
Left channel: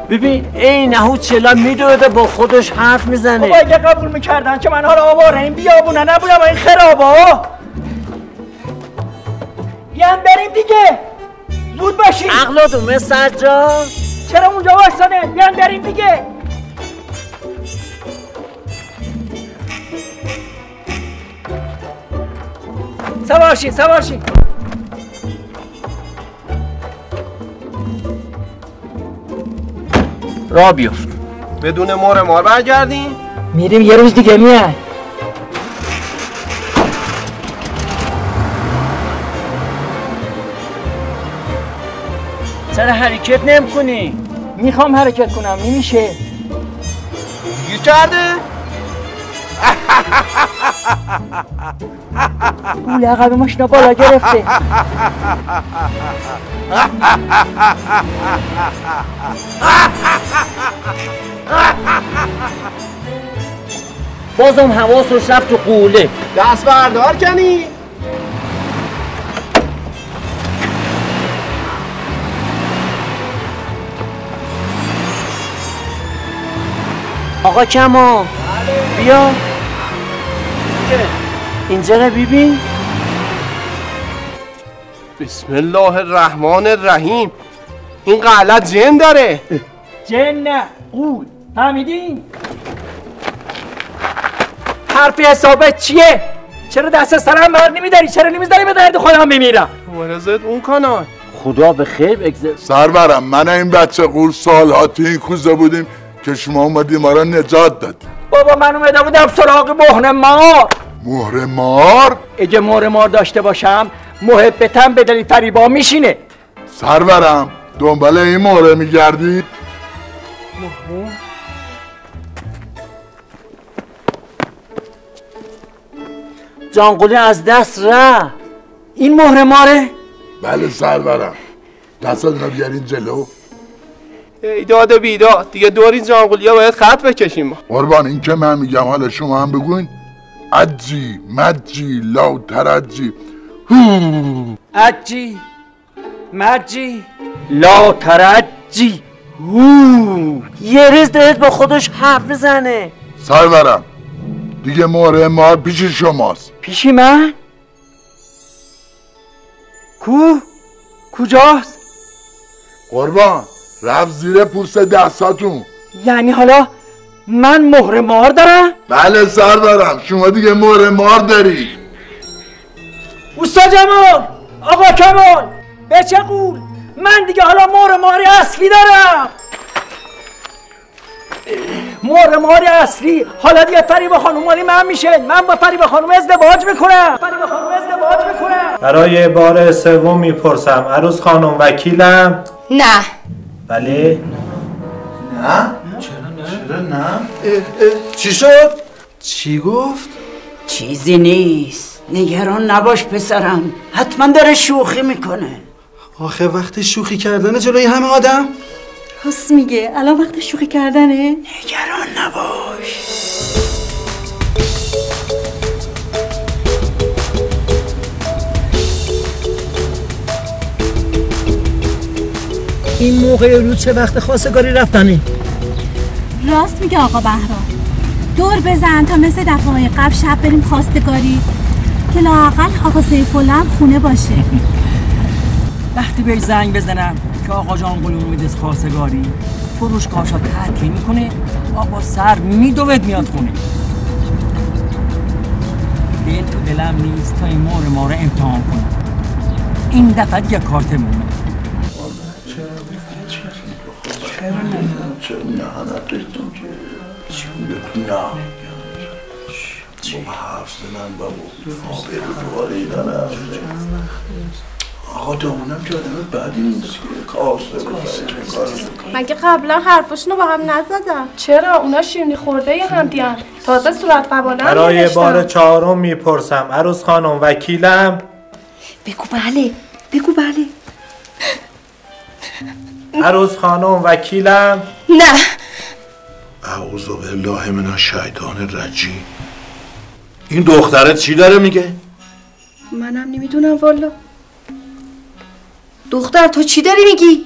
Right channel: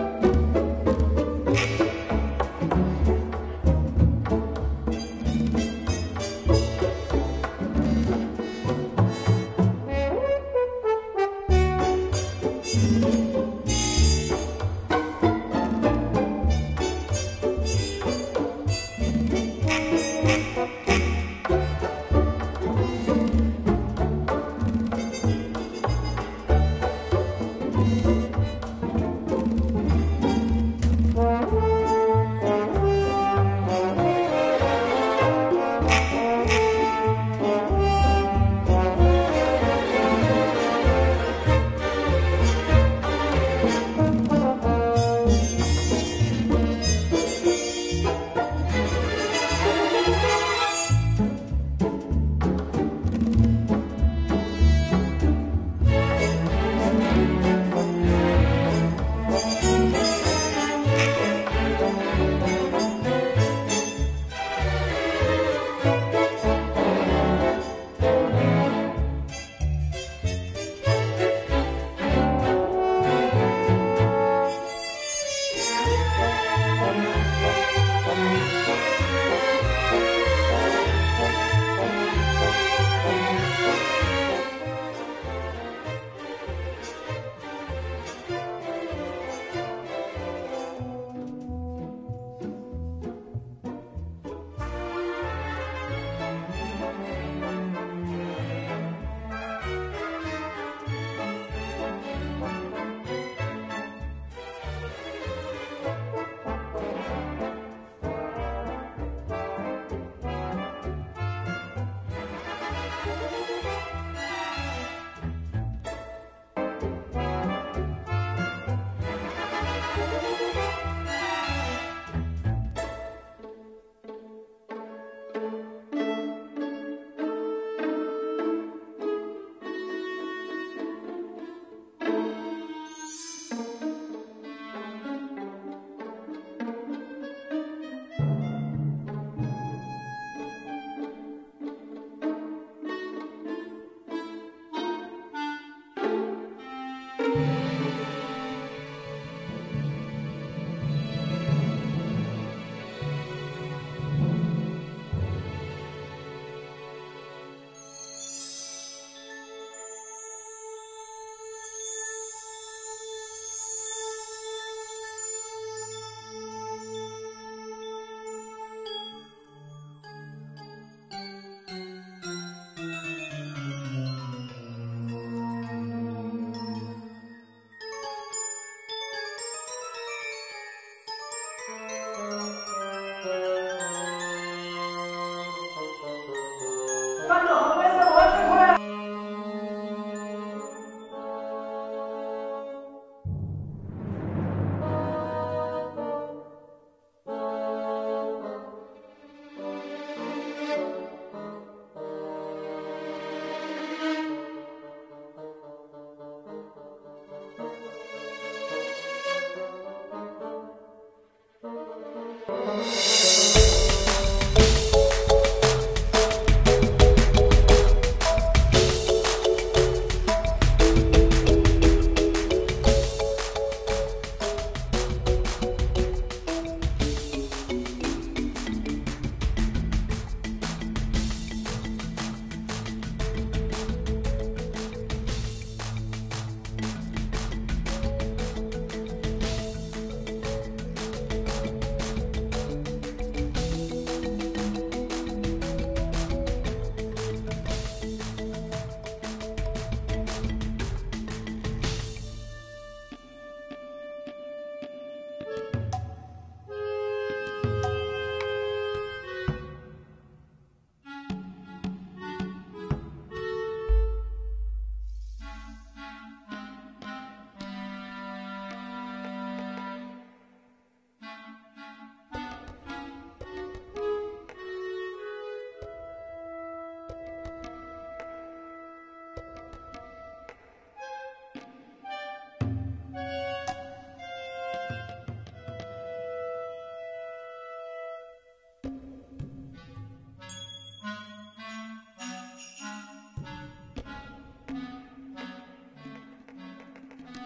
ببین ای نهود چلا میدوده با خودش حرف میزنه. بابا اگه قبول میکردن که من حالا آواره این بیابونه نبودم این خرابا. بیان بریم دیگه. زود باشید. عقل دومه سجاد. چرا اونجا واسطانه؟ بیان بریم دیگه. سوارشین را بیفت. بدون مهر برگردیم؟ میریم یه روز دیگه میاد. چرا حرکت نمی‌کنی؟ میخوام حرکت کنم نمیشه. گیر کرده؟ گوله عقب ماشینا بالا گرفته. بازم حواسش رفت تو قوله. دست بردار کنی؟ آقا کمان بیا اینجا رو ببین. بسم الله الرحمن الرحیم. این غلط جن داره. جن نه قول. فهمیدین؟ حرف حسابت چیه؟ چرا دست سرم بر نمیداری؟ چرا نمیذاری به درد خودم بمیرم؟ مرزت اون کانال. خدا به خیر بگذار. سرورم من این بچه قول سالها تو این کوزه بودیم که شما اومدی ما را نجات دادی. بابا من اومده بودم سراغ مهر مار. مهر مار؟ اگه مهر مار داشته باشم محبتم به دل فریبا میشینه. سرورم دنبال این مهره میگردی؟ جانقلی از دست رفت. این مهر ماره؟ بله سرورم. دستتون رو بیارین جلو. ایداد و بیداد دیگه دور این جانقلیا باید خط بکشیم. قربان این که من میگم حالا شما هم بگوین. عجی مجی لا ترجی عجی مجی لا ترجی. یه ریز دارید با خودش حرف بزنه. سرورم دیگه مهر مار پیش شماست. پیشی من؟ کجاست؟ قربان رفت زیر پوست دستاتون. یعنی حالا من مهر مار دارم؟ بله سرورم شما دیگه مهر مار داری. اوستا جمال، آقا کمال، به چه قول؟ من دیگه حالا مهر ماری اصلی دارم. مهر ماری اصلی. حالا دیگه فریبا خانوم مالی من میشه. من با فریبا خانوم ازدواج میکنم. برای بار سوم میپرسم عروس خانم وکیلم؟ نه. بله؟ نه؟ چرا نه؟ چی شد؟ چی گفت؟ چیزی نیست. نگران نباش پسرم. حتما داره شوخی میکنه. آخه وقت شوخی کردن جلوی همه آدم؟ راست میگه. الان وقت شوخی کردنه؟ نگران نباش. این موقع رو چه وقت خواستگاری رفتنی؟ راست میگه آقا بهرام. دور بزن تا مثل دفعه‌های قبل شب بریم خواستگاری که لااقل آقا سیف‌الله هم خونه باشه. وقتی بهش زنگ بزنم که آقا جان قول اومده خواستگاری فروشگاهشو ترک میکنه، آقا سر میدوید میاد خونه. دل تو دلم نیست تا این مهر ما رو امتحان کنم. این دفعه دیگه کارتمونه. چرا نه نداشتم که نه بابا حرف زنن بابا آبرو دارم. آقا دامونم که آدم بدی نیست. مگه قبلا حرفاشونو با هم نزدم؟ چرا؟ اونا شیرینی خورده یه هم دیان. تازه صورت قبالم برای بار چهارم میپرسم عروس خانم وکیلم؟ بگو بله. بگو بله. عروس خانم وکیلم؟ نه. اعوذ بالله من الشیطان الرجیم. این دخترت چی داره میگه؟ منم نمیدونم والا. دختر تو چی داری میگی؟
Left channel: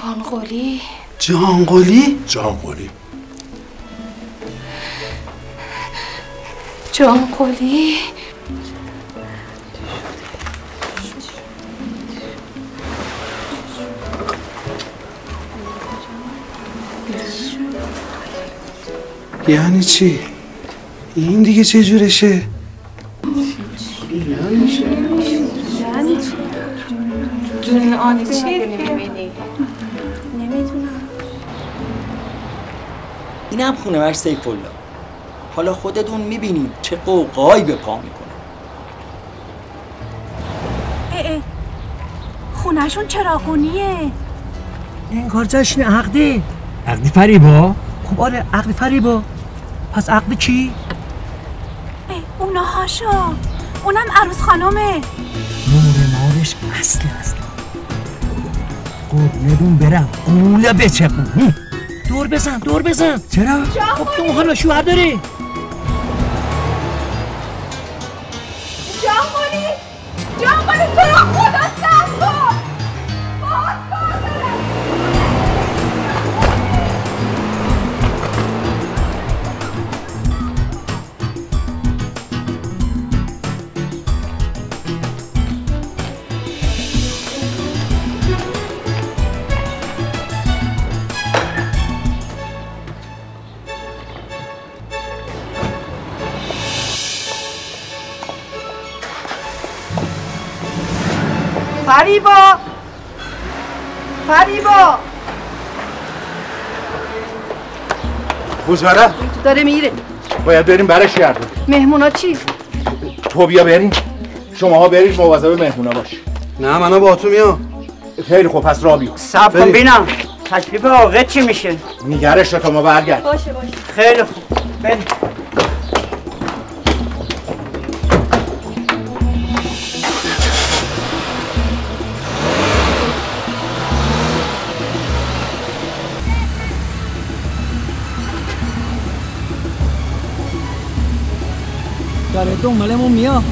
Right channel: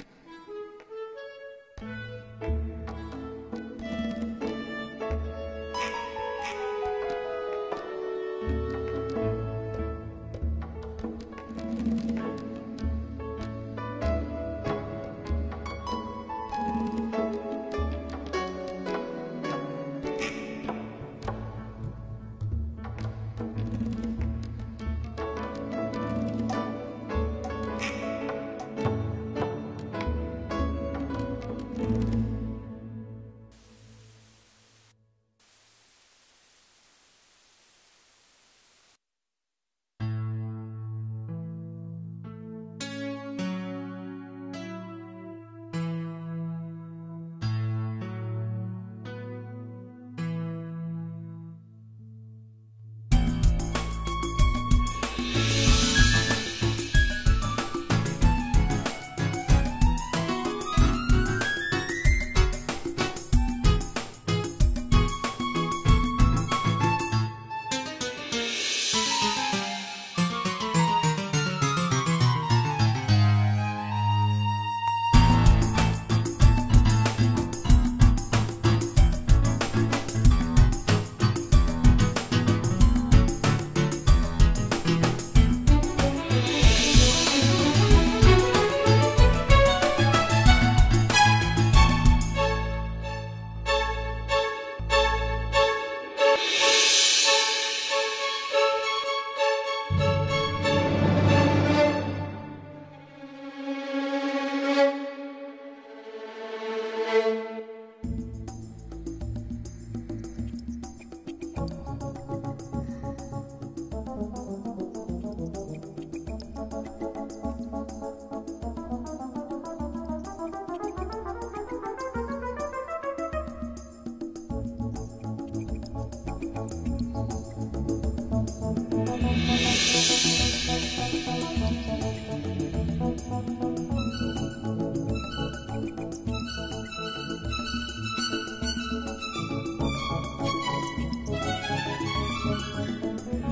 جانقلی. جانقلی؟ جانقلی. جانقلی. یعنی چی؟ این دیگه چه جورشه؟ جون آنی چیه؟ اینم خونه‌اش سیف‌الله. حالا خودتون میبینید چه قوقایی به پا میکنه. خونه‌شون چراغونیه. این کار جشن عقدی. عقدی فریبا؟ خب آره عقد فریبا. پس عقد کی؟ اونا هاشو. اونم عروس خانومه. مارش اصلا قربونتون برم قوله بچپون. دور بزن چرا؟ خب تو حالا شوهر داری؟ جانگلی تو را خدا سب کن. فریبا بوزاره داره میره. باید بریم برش گردون. مهمونا چی؟ تو بیا بریم. شماها برید مواظب مهمونا باش. نه منو با تو میام. خیلی خوب پس را بیا. صبر کن بینم تکلیف آقا چی میشه؟ نگرش تا ما برگرد. باشه خیلی خوب بریم. داره دنبالمون میاد.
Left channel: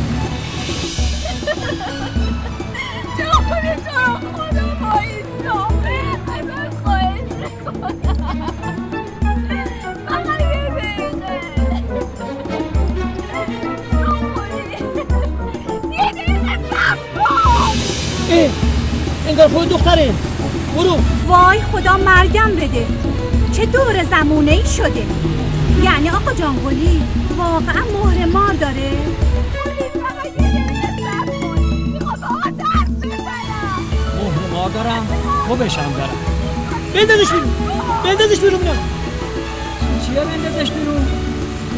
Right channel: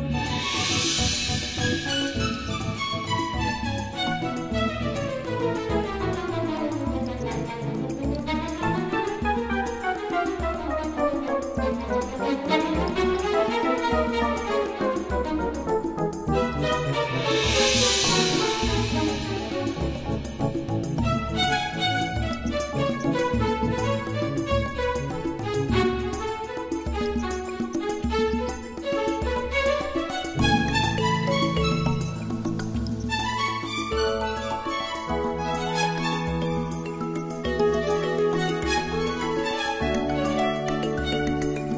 انگار خود دختره. برو. وای خدا مرگم بده. چه دور زمونه ای شده. یعنی آقا جانگلی واقعا مهر مار داره؟ مهر مار دارم خوبشم دارم. بندازش بیرون میرم. چیه بندازش بیرون؟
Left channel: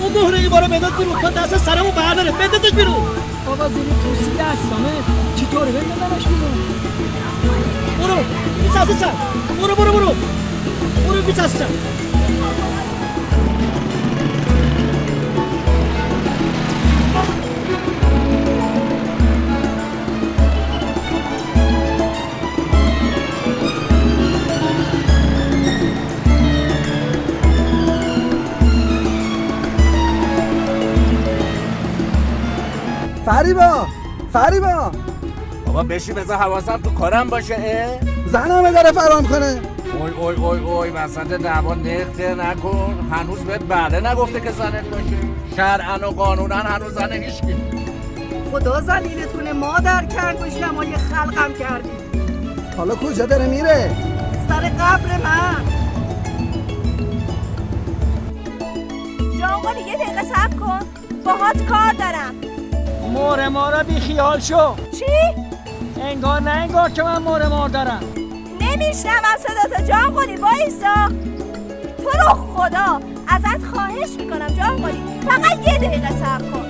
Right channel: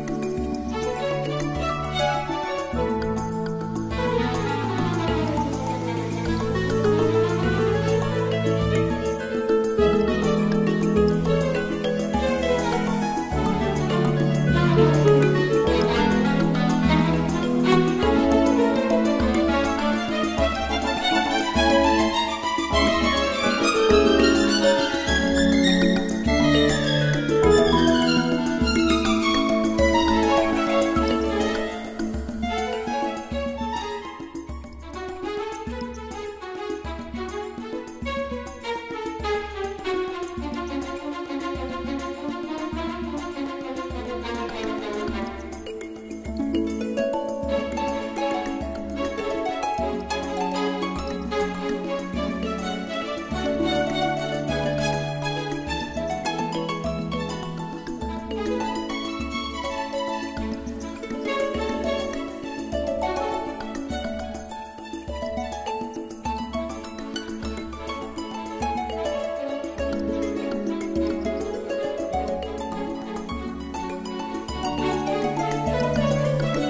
اون مهر این بارو بنداز بیرون تا دست سرمو برداره. بندازش بیرون. بابا زیر کرسی دستانه چطوره بندازش بیرون؟ برو بیچست سر. برو بیچست سر. فریبا بابا بشی بذار حواسم تو کارم باشه. زنمه داره فرام کنه. اوی وسط دعوا نرخه نکن. هنوز بهت بله نگفته که زنه باشه. شرعن و قانونن هنوز زنه هیچکی. خدا زنیدت کنه مادر کرد و شمای خلقم کردی. حالا کجا داره میره؟ سر قبر من. جانگلی یه دقیقه صبر کن. باهات کار دارم. مهر مارا بی خیال شو. چی؟ انگار که من مهر مار دارم. نمیشنوم صداتو جانگلی وایسا. تو رو خدا ازت خواهش میکنم جانگلی فقط یه دقیقه صبر کن.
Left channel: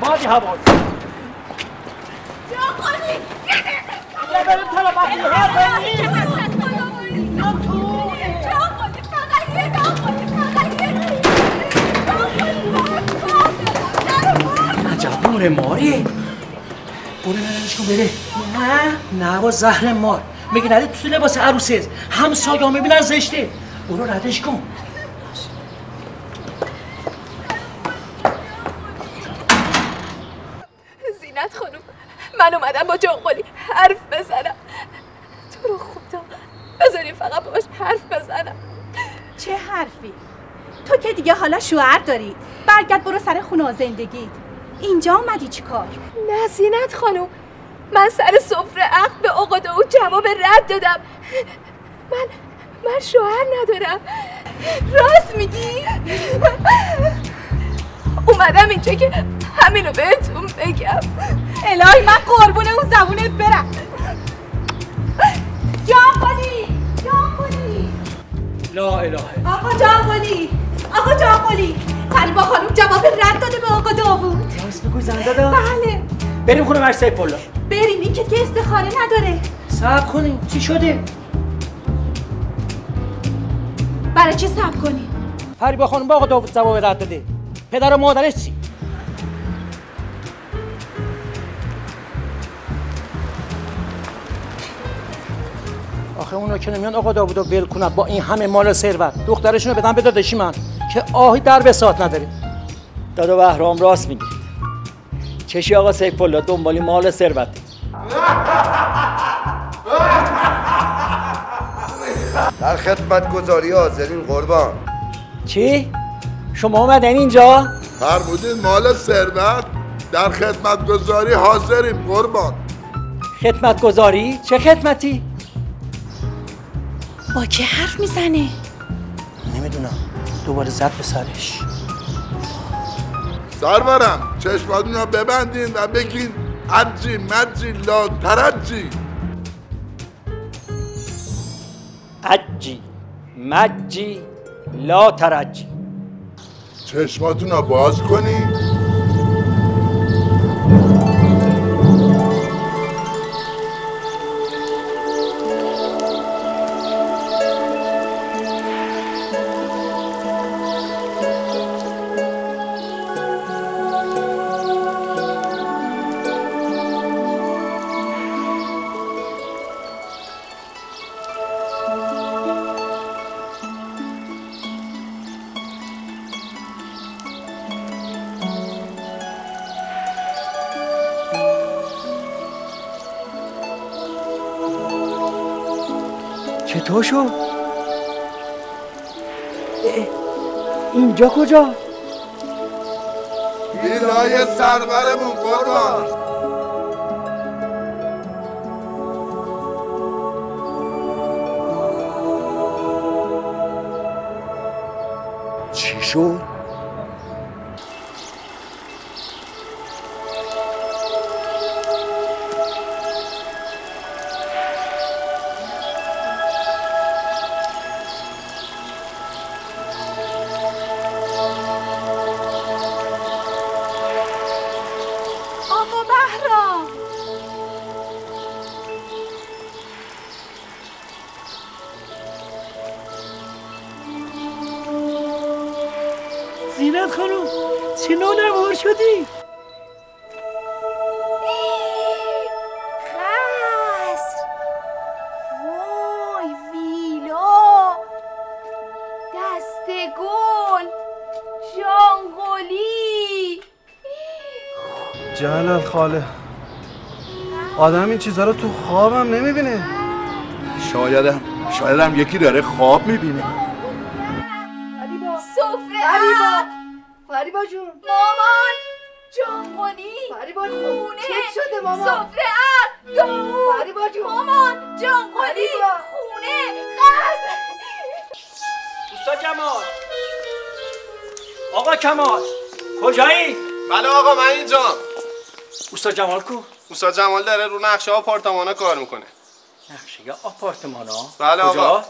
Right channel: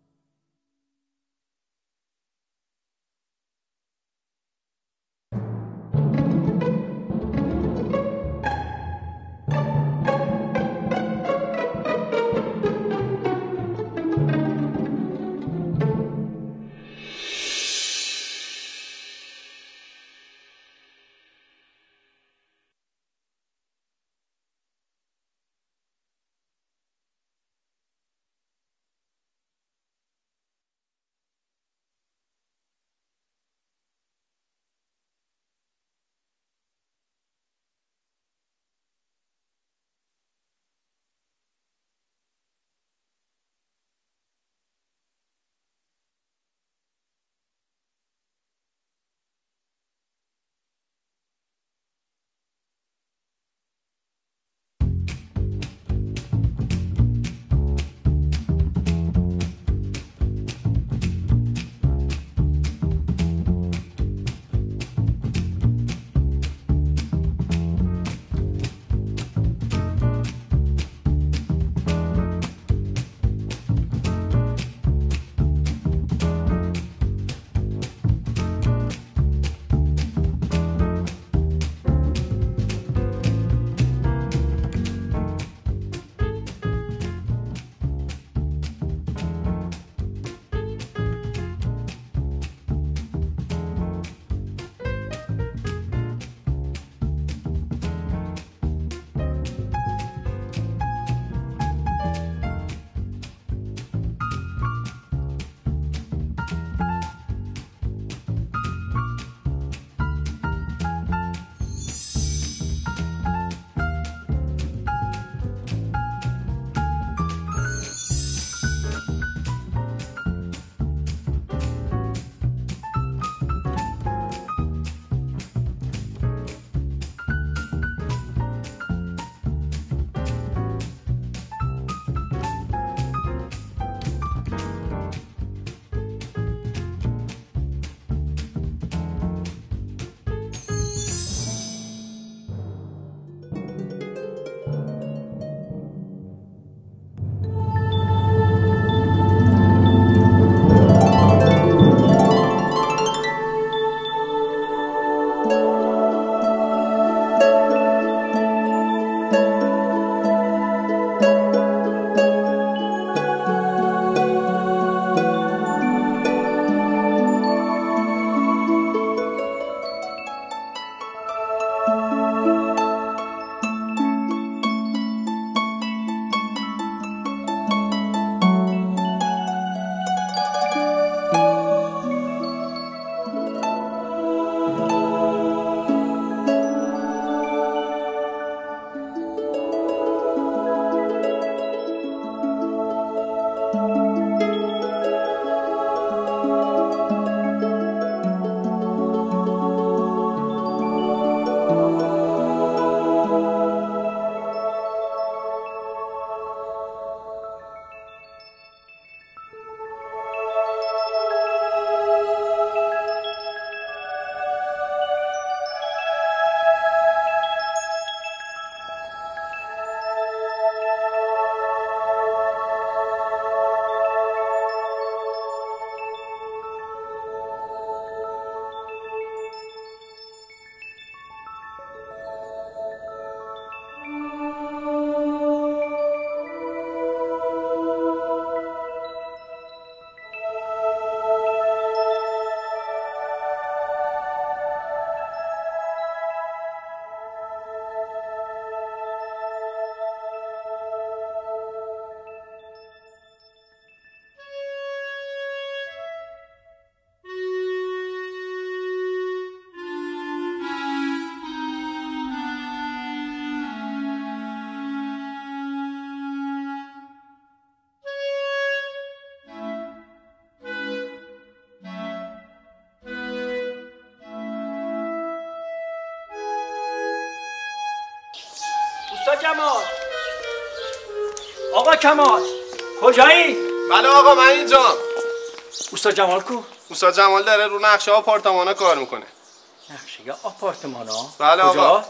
بادی هوا جانگلی بریم عجب مهر ماری. برو نشون بده. نه با زهر مار میگه نده تو لباس عروسه. همسایه ها میبینن زشته. برو ردش کن. زینت خانم من اومدم با جانگلی حرف بزنم. تو رو خدا بذاری فقط باش حرف بزنم. چه حرفی؟ تو که دیگه حالا شوهر دارید. برگرد برو سر خونه و زندگی. اینجا اومدی چی کار؟ نه زینت خانم، من سر سفره عقد به آقا داود جواب رد دادم. من شوهر ندارم. راست میگی؟ اومدم اینجا که همینو بهتون بگم. الهی من قربون اون زبونت برم. جانقلی لا اله آقا جانقلی فریبا خانم جواب رد داده به آقا داوود. راست بگو زنده دا؟ بله. بریم خونه مرد سیف‌الله. بریم، این که دیگه استخاره نداره. صبر کنیم. چی شده؟ برای چی صبر کنیم؟ فریبا خانم با آقا داوود جواب رد داده. پدر و مادرش چی؟ آخه اونا که نمیان آقا داوودو ول کنن با این همه مال و ثروت، دخترشونو بدن به داداشی من که آهی در بساط نداره. دادا بهرام راست میگه. چشی آقا سیف‌الله دنبالی مال و ثروت. در خدمتگزاری حاضرین قربان. چی؟ شما اومدین اینجا؟ فرمودین مال ثروت؟ در خدمتگزاری حاضریم قربان. خدمتگزاری؟ چه خدمتی؟ با کی حرف میزنه؟ نمیدونم. دوباره زد به سرش. سرورم چشماتون رو ببندین و بگین عجی مجی لا ترجی. عجی مجی لا ترجی. چشماتون رو باز کنین. اینجا کجا؟ ویلای سرورمون قربان. چی شد؟ جلال خاله، آدم این چیزا رو تو خوابم نمیبینه. شایدم یکی داره خواب میبینه. فریبا جون، مامان جانقلی، فریبا خونه چه شده مامان؟ سفره عقد داوود، فریبا جون، مامان جانقلی خونه قصد. اوستا جمال، آقا کمال کجایی؟ بله آقا من اینجا. اوستا جمال کو؟ اوستا جمال داره رو نقشه آپارتمانا کار میکنه. نقشه یا آپارتمانا؟ بله کجا؟ آقا.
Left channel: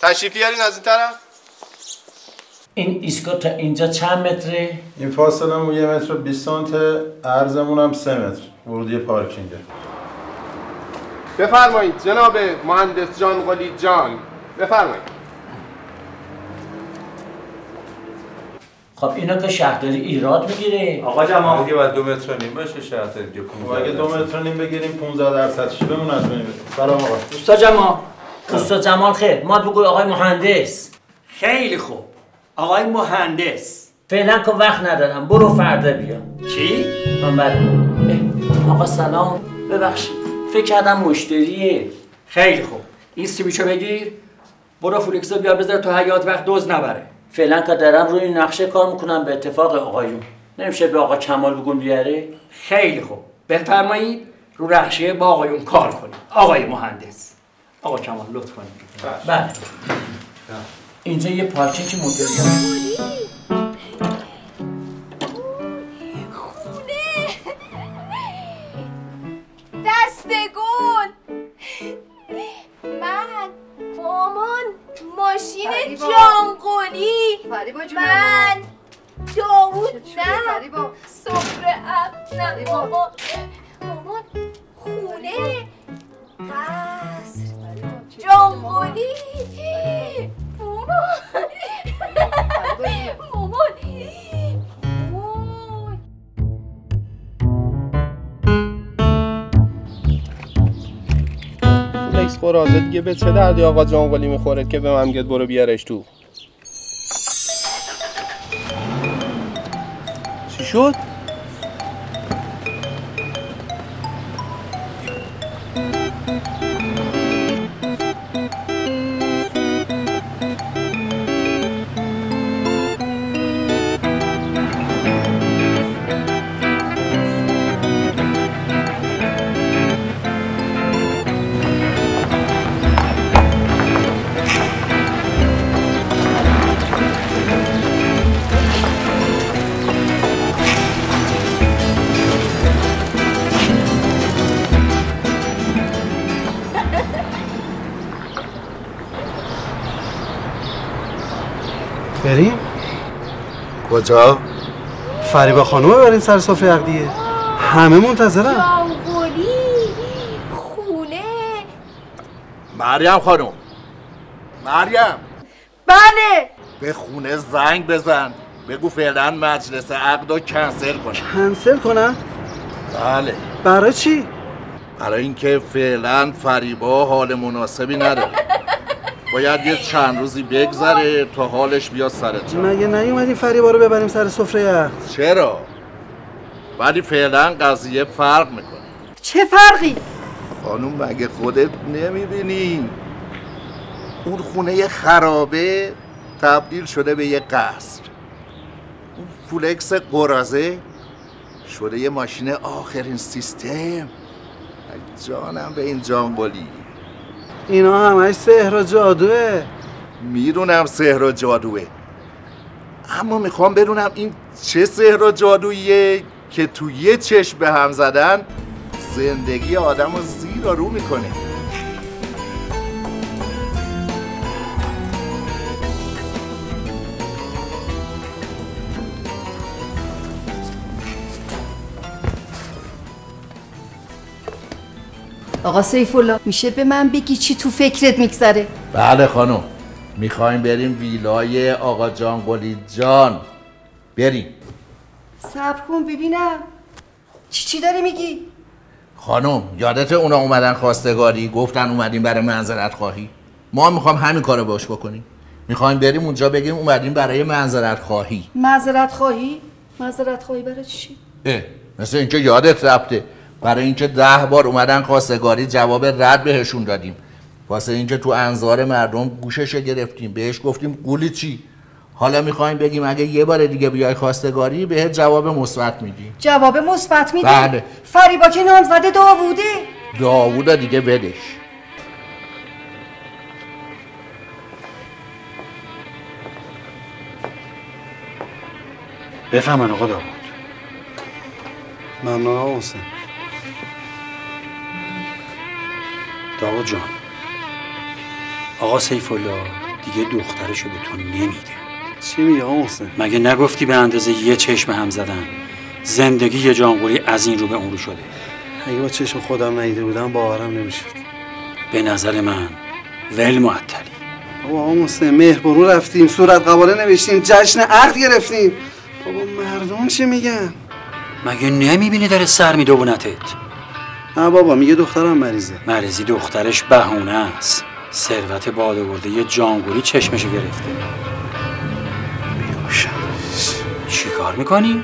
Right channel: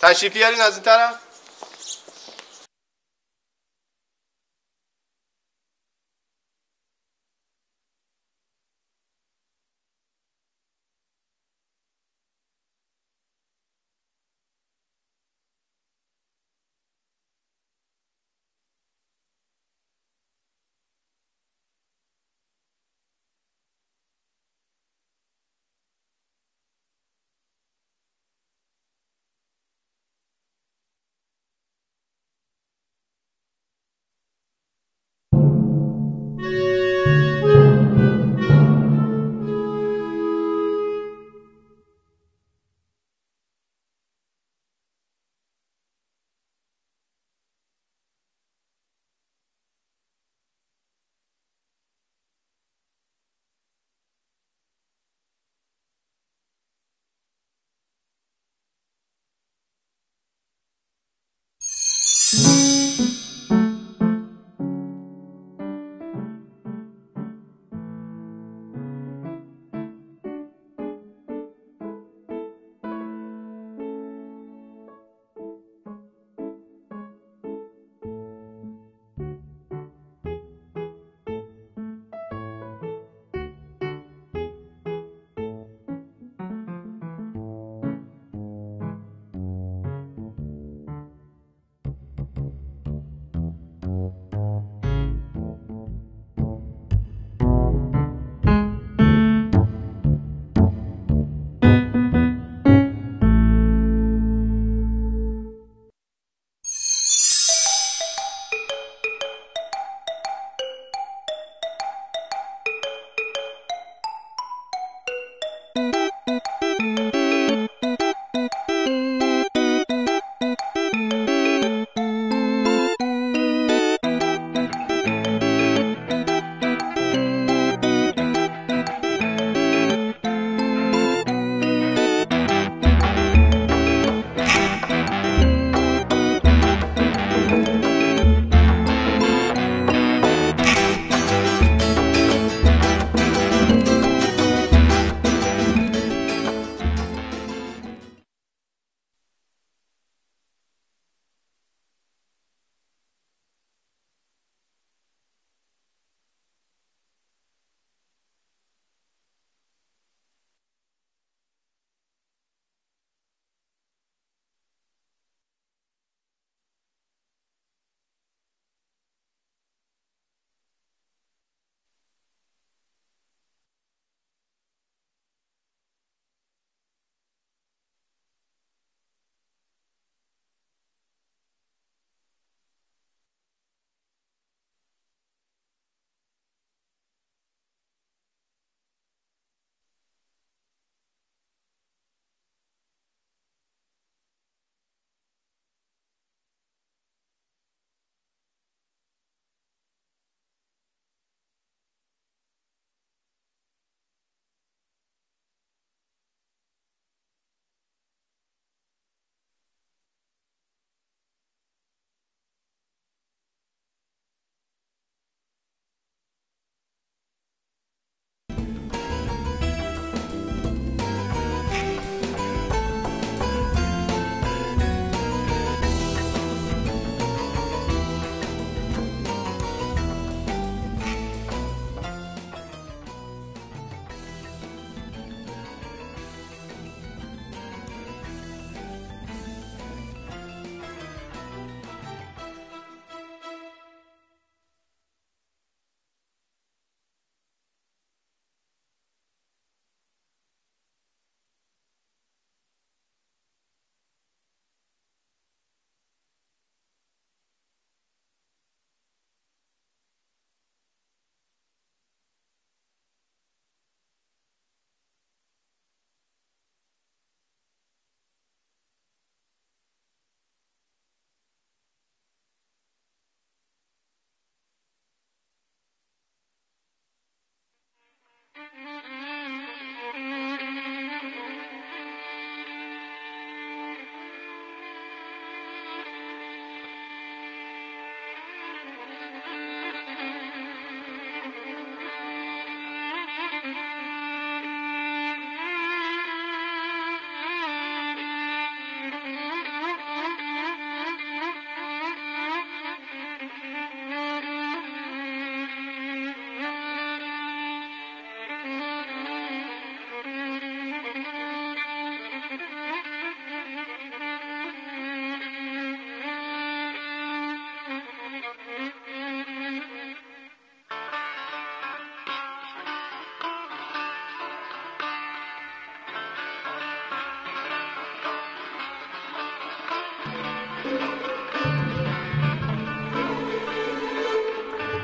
تشریف بیارین از این طرف. این ایستگاه تا اینجا چند متره؟ این فاصله مون 1 متر و 20 سانته، عرضمون هم 3 متر. ورودی پارکینگه. بفرمایید جناب مهندس جانقلی جان. بفرمایید. خب اینا که شهرداری ایراد میگیره. آقا جمال دیگه باید 2 متر و نیم باشه شهرداری دیگه. اگه 2 متر و نیم بگیریم 15% بمون از بین بریم. سلام آقا. اوستا جمال. اوستا جمال خیر. ما بگو آقای مهندس. خیلی خوب. آقای مهندس. فعلا که وقت ندارم. برو فردا بیا. چی؟ آقا سلام. ببخشید. فکر کردم مشتریه. خیلی خوب. این سیبیچو بگیر. برو فولکسو بیار بذار تو حیاط وقت دوز نبره. فعلا که دارم روی نقشه کار میکنم به اتفاق آقایون. نمیشه به آقا کمال بگون بیاره؟ خیلی خوب، بفرمایید رو نقشه با آقایون کار کنید. آقای مهندس. آقا کمال لطف کنید. بله. اینجا یه پارکینگ مدرن. دستگون من مامان ماشین جانقلی من داوود نه سفره نه مامان خونه قصر جانقلی مامان فلکس خورازه دیگه به چه دردی آقا جانقلی میخوره که به من گفت برو بیارش تو؟ چی شد؟ بریم؟ کجا؟ فریبا خانومه بریم سر سفره عقدیه. همه منتظرن. جانقلی خونه. مریم خانم، مریم، بله. به خونه زنگ بزن، بگو فعلا مجلس عقد رو کنسل کنه. کنسل کنم؟ بله. برای چی؟ برای اینکه فعلا فریبا حال مناسبی نداره. باید یه چند روزی بگذره تا حالش بیاد سر جا. مگه نیومدیم فریبا رو ببریم سر سفره عقد؟ چرا؟ ولی فعلا قضیه فرق میکنه. چه فرقی؟ خانوم مگه خودت نمیبینی؟ اون خونه خرابه تبدیل شده به یه قصر. اون فلکس قرازه شده یه ماشین آخرین سیستم. جانم به این جانقلی. اینا همش سحر و جادوه. میدونم سحر و جادوه، اما میخوام بدونم این چه سحر و جادوییه که تو یه چشم به هم زدن زندگی آدم رو زیر و رو میکنه. آقا سیفالله میشه به من بگی چی تو فکرت میگذره؟ بله خانم، میخوایم بریم ویلای آقا جانقلی جان. بریم. صبر کن ببینم چی داری میگی؟ خانم یادت اونا اومدن خواستگاری گفتن اومدیم برای معذرت خواهی؟ ما میخوایم همین کارو باش بکنیم. میخوایم بریم اونجا بگیم اومدیم برای معذرت خواهی. معذرت خواهی؟ معذرت خواهی برای چی؟ مثل اینکه یادت رفته برای اینکه 10 بار اومدن خواستگاری جواب رد بهشون دادیم، واسه اینکه تو انظار مردم گوشش گرفتیم، بهش گفتیم قولی چی. حالا میخوایم بگیم اگه یه بار دیگه بیای خواستگاری بهت جواب مثبت میدیم. جواب مثبت میدی؟ بله. فریبا که نامزد داووده. داوود دیگه بدش. بفهمن آقا داوود. ممنون آقا حسین. داوود جان، آقا سیفالله دیگه دخترشو به تو نمیده. چی میگه آقا حسین؟ مگه نگفتی به اندازه یه چشم هم زدن زندگی یه جانقلی از این رو به اون رو شده؟ اگه با چشم خودم ندیده بودم باورم نمیشد. به نظر من ول معطلی. بابا آقا حسین مهربانو رفتیم، صورت قباله نوشتیم، جشن عقد گرفتیم. بابا مردم چی میگن؟ مگه نمیبینی داره سر میدوونتت؟ نه بابا میگه دخترم مریضه. مریضی دخترش بهونه است. ثروت بادآورده یه جانقلی چشمشو گرفته. چی کار میکنی؟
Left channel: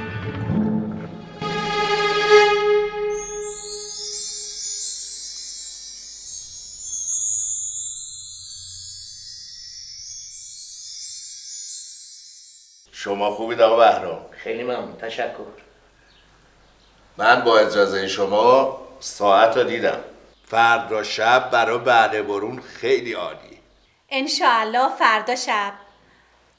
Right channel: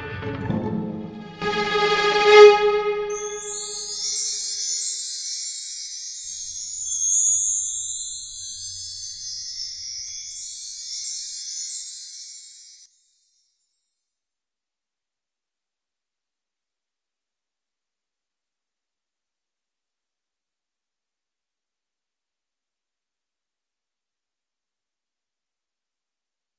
خوبید آقا بهرام؟ خیلی ممنون، تشکر. من با اجازه شما ساعت رو دیدم. فردا شب برای بله برون خیلی عالی. انشاءالله فردا شب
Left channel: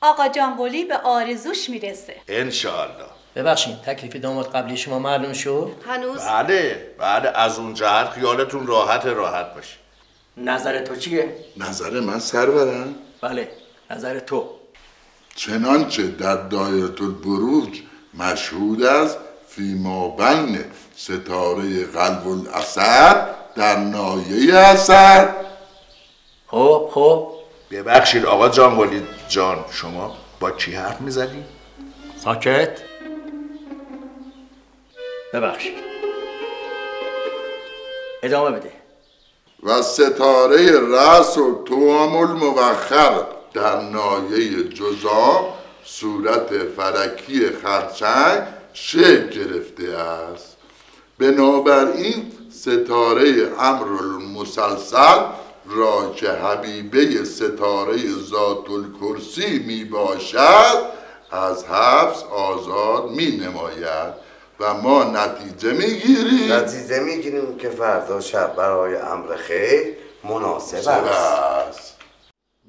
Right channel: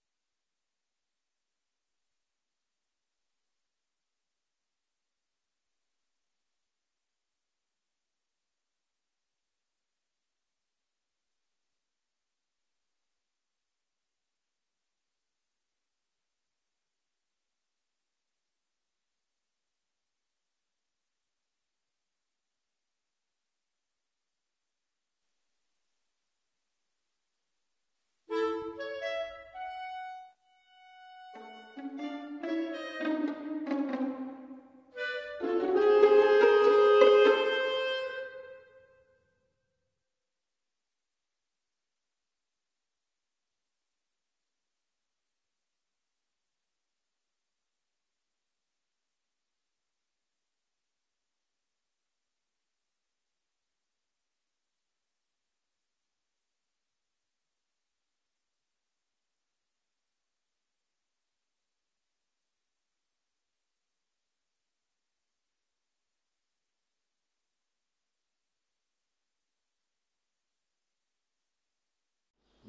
آقا جانقلی به آرزوش میرسه. انشاءالله. ببخشید تکلیف داماد قبلی شما معلوم شد؟ هنوز؟ بله از اون جهت خیالتون راحت باشه. نظر تو چیه؟ نظر من سرورم؟ بله نظر تو. چنانچه در دایره البروج مشهود است فیما بین ستاره قلب الاسد در نایه اسد. خب ببخشید آقا جانقلی جان، شما با کی حرف میزدی؟ ساکت. ببخشید ادامه بده. و ستاره رأس و توام الموخر در نایه جزام صورت فلکی خرچنگ شکل گرفته است. بنابراین ستاره امرالمسلسل را که حبیبه ستاره ذات الکرسی می باشد از حبس آزاد می نماید و ما نتیجه میگیریم که فردا شب برای امر خیر مناسب است.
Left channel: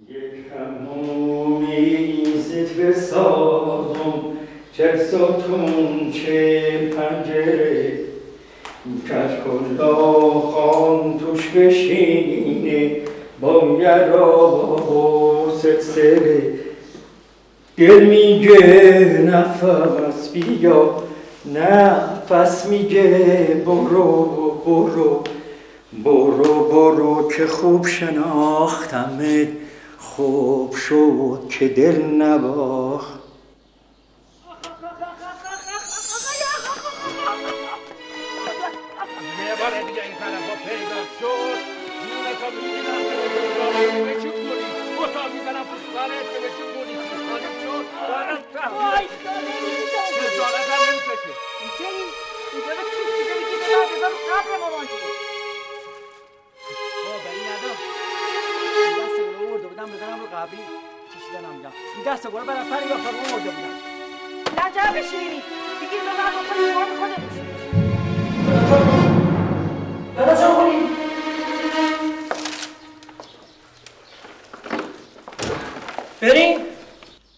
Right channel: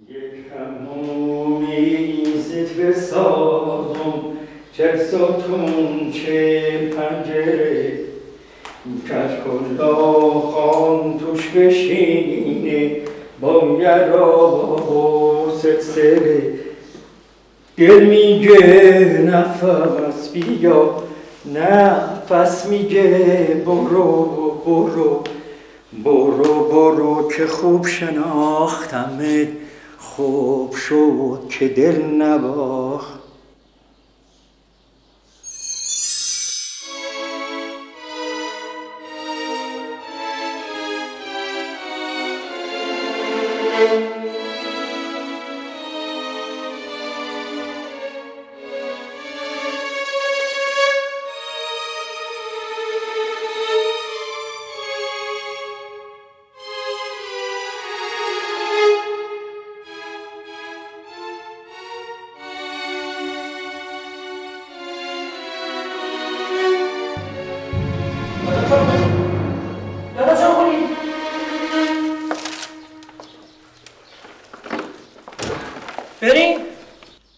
یک همومی زد بسازم چه ستون چه پنجره کشکلا خان توش بشینه با یرا و سلسله دل میگه نفس بیا نفس میگه برو که خوب شناختمت خوب شد که دل نباخت. بریم؟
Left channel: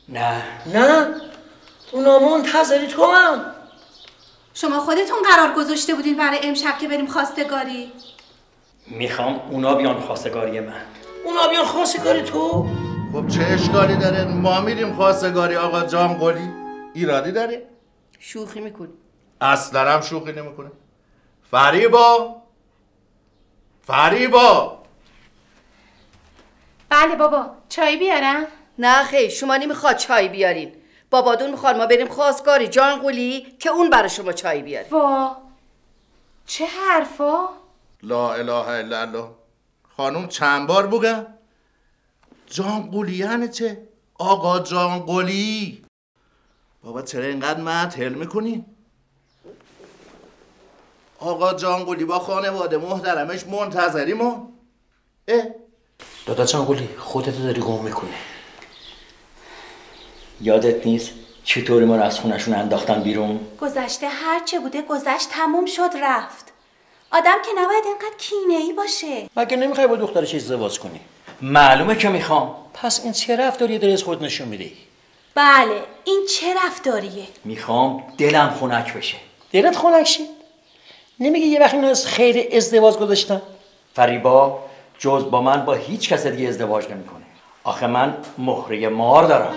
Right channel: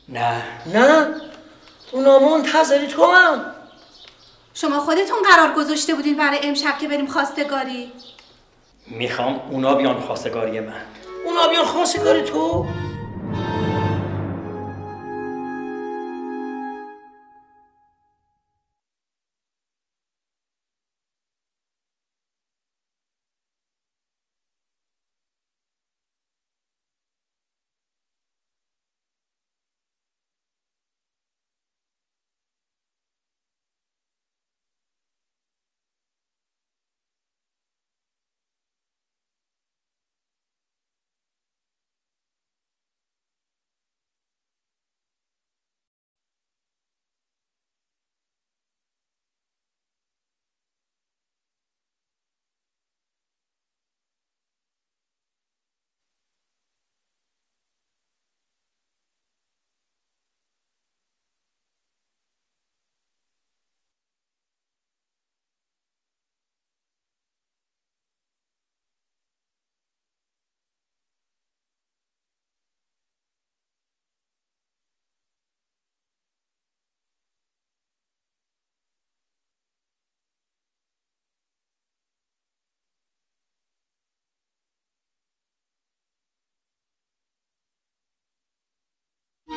نه اونا منتظری تو هم. شما خودتون قرار گذاشته بودین برای امشب که بریم خواستگاری. میخوام اونا بیان خواستگاری من. اونا بیان خواستگاری تو؟ خب چه اشکالی داره؟ ما میریم خواستگاری آقا جانقلی. ایرادی داره؟ شوخی میکنی. اصلا هم شوخی نمیکنه. فریبا بله بابا چای بیارم؟ نه خیر شما نمیخواد چای بیارین. بابادون میخواد ما بریم خواستگاری جانقلی که اون برای شما چای بیاره. وا چه حرفا؟ لا اله الا الله. خانم چند بار بگم؟ جانقلی یعنی چه؟ آقا جانقلی. بابا چرا اینقدر معطل میکنی؟ آقا جانقلی با خانواده محترمش منتظریم ما. دادا جانقلی خودتو داری گم میکنی. یادت نیست چطوری ما رو از خونشون انداختن بیرون؟ گذشته هر چه بوده گذشت تموم شد رفت. آدم که نباید اینقدر کینه‌ای باشه. مگه نمیخوای با دخترش ازدواج کنی؟ معلومه که میخوام. پس این چه رفتاریه داری از خود نشون میدی؟ بله این چه رفتاریه؟ میخوام دلم خنک بشه. دلت خنک شه؟ نمیگه یه وقت اینو از خیر ازدواج گذاشتم؟ فریبا جز با من با هیچ کس دیگه ازدواج نمیکنه. آخه من مهره مار دارم.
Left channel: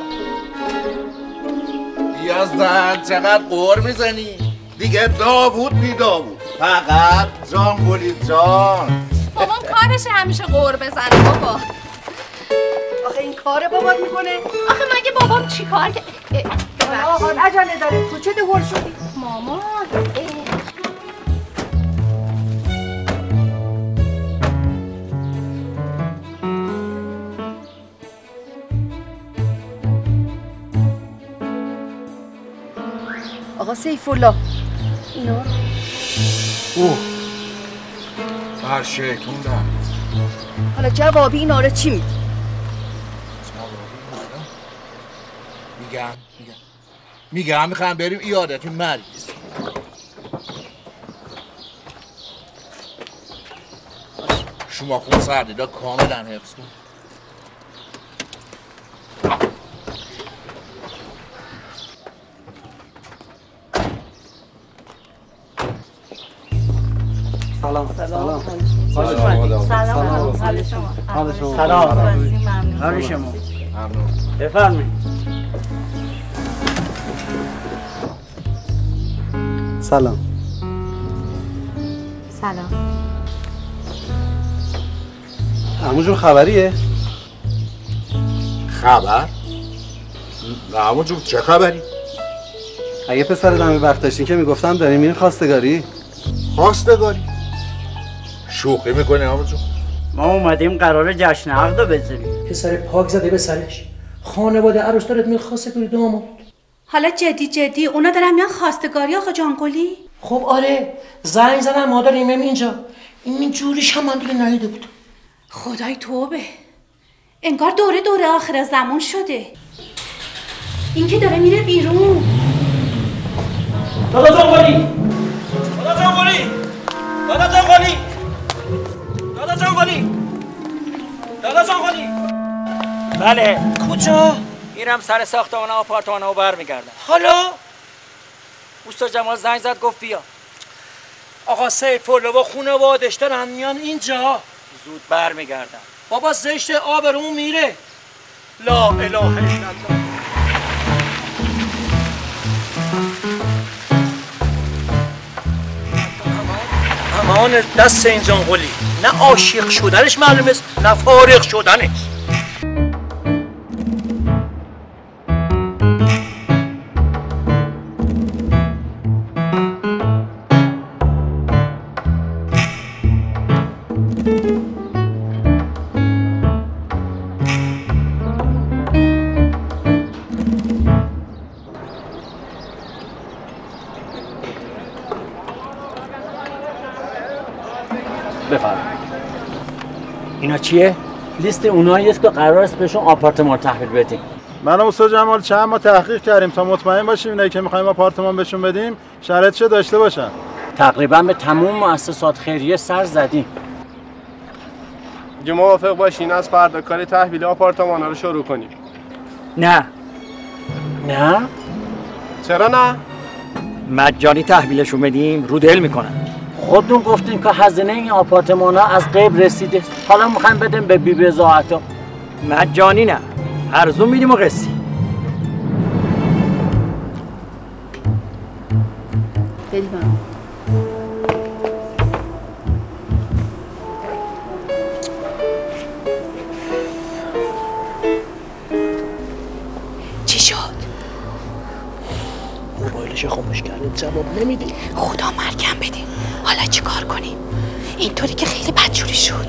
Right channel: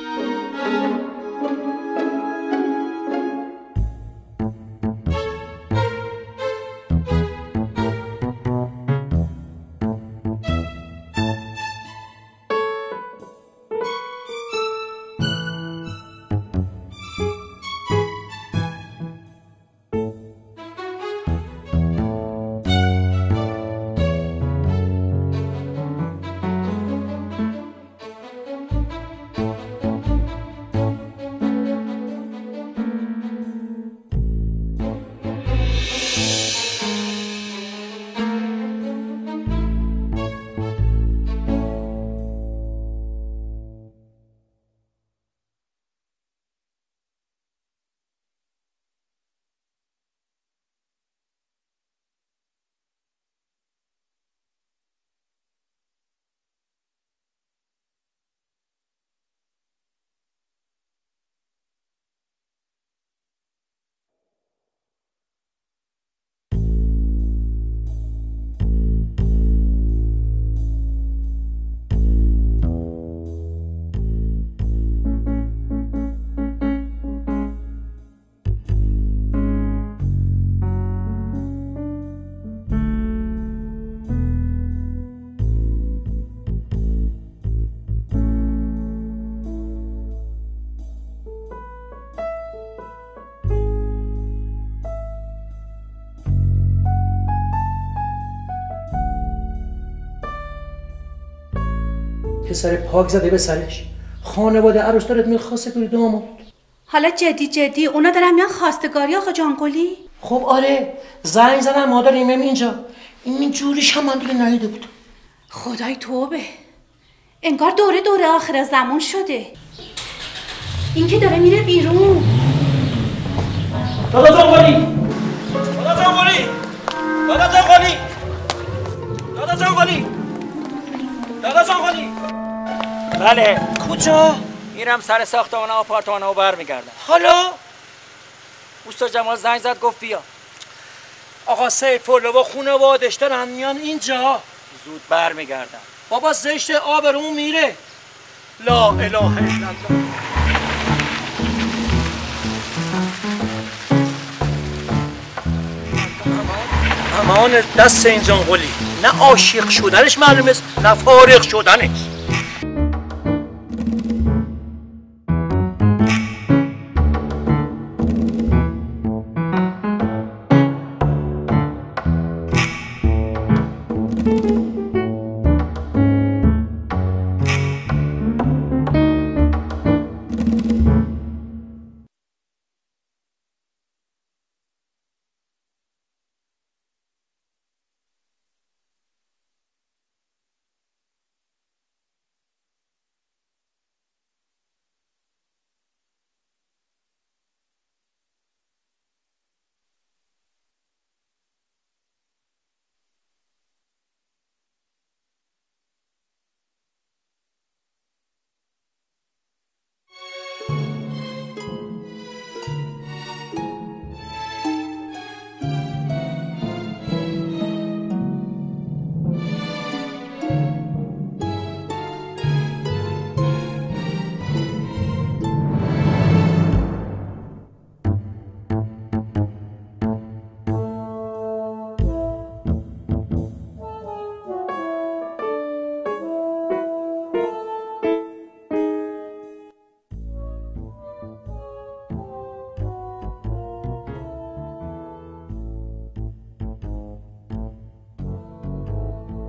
یا زن چقدر قور میزنی؟ دیگه داوود بی داوود. فقط جانقلی جان. بابام کارشه همیشه قور بزنه بابا. آخه این کار بابات میکنه؟ آخه مگه بابام چی کار که آقا عجله داره. تو چه دهور شدی؟ مامان آقا سیفالله اینا بر شیطون دارم. حالا جوابی اینا رو چی میدی؟ میگم میگم میخوام بریم ایادت مریض. شما خون سردیدا کاملا حفظ کن. سلام. سلام. حال شما. بفرمایید. سلام. سلام. عمو جون خبریه؟ خبر؟ نه عمو جون چه خبری؟ اگه پسر دم وقت داشتین که میگفتم داریم میرین خواستگاری. خواستگاری؟ شوخی میکنی عمو جون؟ ما اومدیم قرار جشن عقد بزنیم. پسر پاک زده به سرش. خانواده عروس دارد میاد خواستگاری داماد. حالا جدی اونا دارن میان خواستگاری آقا جانقلی؟ خب آره، زنگ زدن ما داریم اینجا. این جوریش هم من دیگه ندیده بود. خدای توبه، انگار دوره آخر زمان شده. این که داره میره بیرون. دادا جانقلی، دادا جانقلی، دادا جانقلی، دادا جانقلی، دادا جانقلی. بله. کجا؟ میرم سر ساختمان آپارتمانو برمیگردم. حالا اوستا جمال زنگ زد گفت بیا. آقا سیف‌الله و خانواده‌اش دارن میان اینجا. زود برمیگردم. بابا زشت آبرومون میره. لا اله الا الله. امان دست این جانقلی. نه عاشق شدنش معلومه نه فارغ شدنش. اینا چیه؟ لیست اونایی است که قرار است بهشون آپارتمان تحویل بدیم. من و استاد جمال چند ما تحقیق کردیم تا مطمئن باشیم اینایی که می‌خوایم آپارتمان بهشون بدیم شرایطش داشته باشن. تقریبا به تمام مؤسسات خیریه سر زدیم. اگه موافق باشین از فردا کار تحویل آپارتمان‌ها رو شروع کنیم. نه. نه؟ چرا نه؟ مجانی تحویلشون بدیم رو دل میکنن. خودتون گفتین که هزینه این آپارتمان‌ها از قبل رسیده. حالا میخوایم بدیم به بی بضاعتا. مجانی نه. ارزون میدیم و قسطی. چی شد؟ موبایلش خاموش کردیم جواب نمیدی. خدا مرگم بده. حالا چی کار کنیم؟ اینطوری که خیلی بدجوری شد.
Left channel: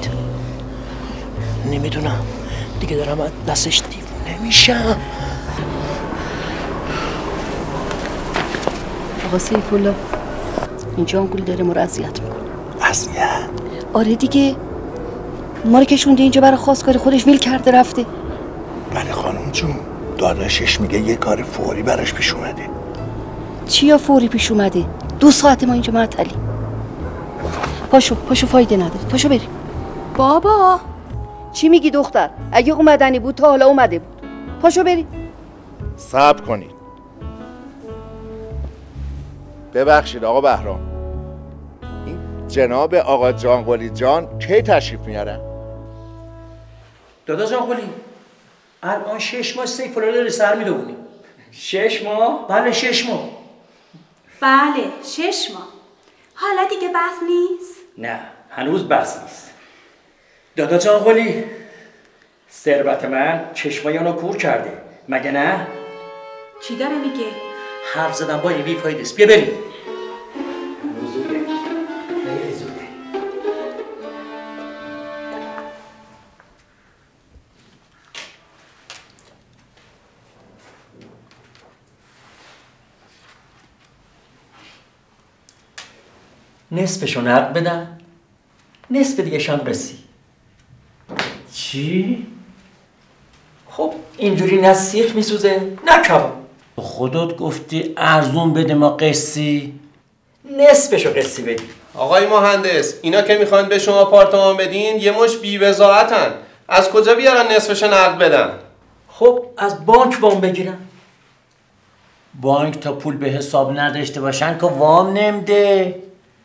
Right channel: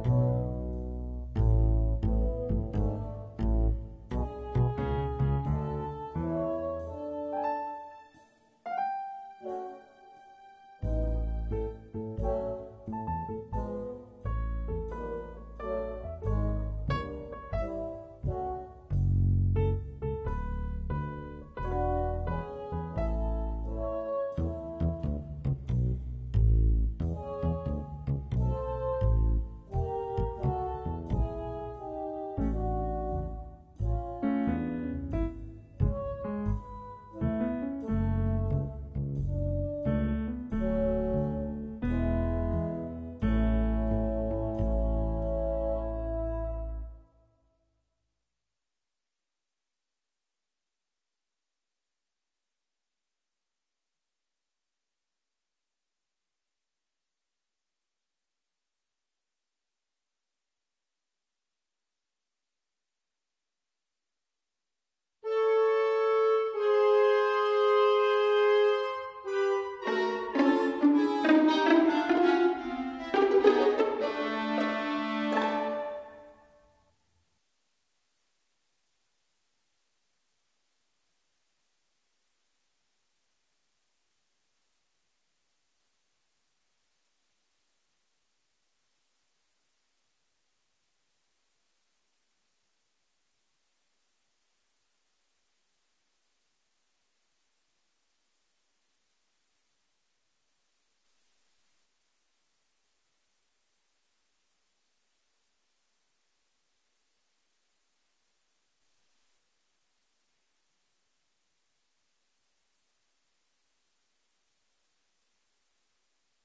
نمیدونم دیگه دارم از دستش دیوونه میشم. آقا سیف‌الله این جانگل داره ما رو اذیت میکنه. اذیت؟ آره دیگه، ما رو کشونده اینجا برای خواستگاری خودش ویل کرده رفته. بله خانم جون، داداشش میگه یه کار فوری براش پیش اومده. چیا فوری پیش اومده؟ 2 ساعت ما اینجا معطلی. پاشو فایده نداره. پاشو بریم. بابا چی میگی دختر؟ اگه اومدنی بود تا حالا اومده بود. پاشو بریم. صبر کنید. ببخشید آقا بهرام، این جناب آقا جانقلی جان کی تشریف میارن؟ دادا جانقلی الان 6 ماه سیف‌الله داره سر میدونیم. 6 ماه؟ بله 6 ماه. بله 6 ماه. حالا دیگه بس نیست؟ نه هنوز بس نیست. دادا جانقلی ثروت من چشمایانو کور کرده مگه نه؟ چی داره میگه؟ حرف زدن با این بیفایده است. بیا بریم. نصفشو نقد بدن، نصف دیگه شم قسطی. چی؟ خب اینجوری نه سیخ میسوزه نه کباب. تو خودت گفتی ارزون بده ما قسطی. نصفشو قسطی بدی. آقای مهندس اینا که میخوان به شما آپارتمان بدین یه مش بی‌وضاحتن. از کجا بیارن نصفش نقد بدن؟ خب از بانک وام بگیرن. بانک تا پول به حساب نداشته باشن که وام نمیده.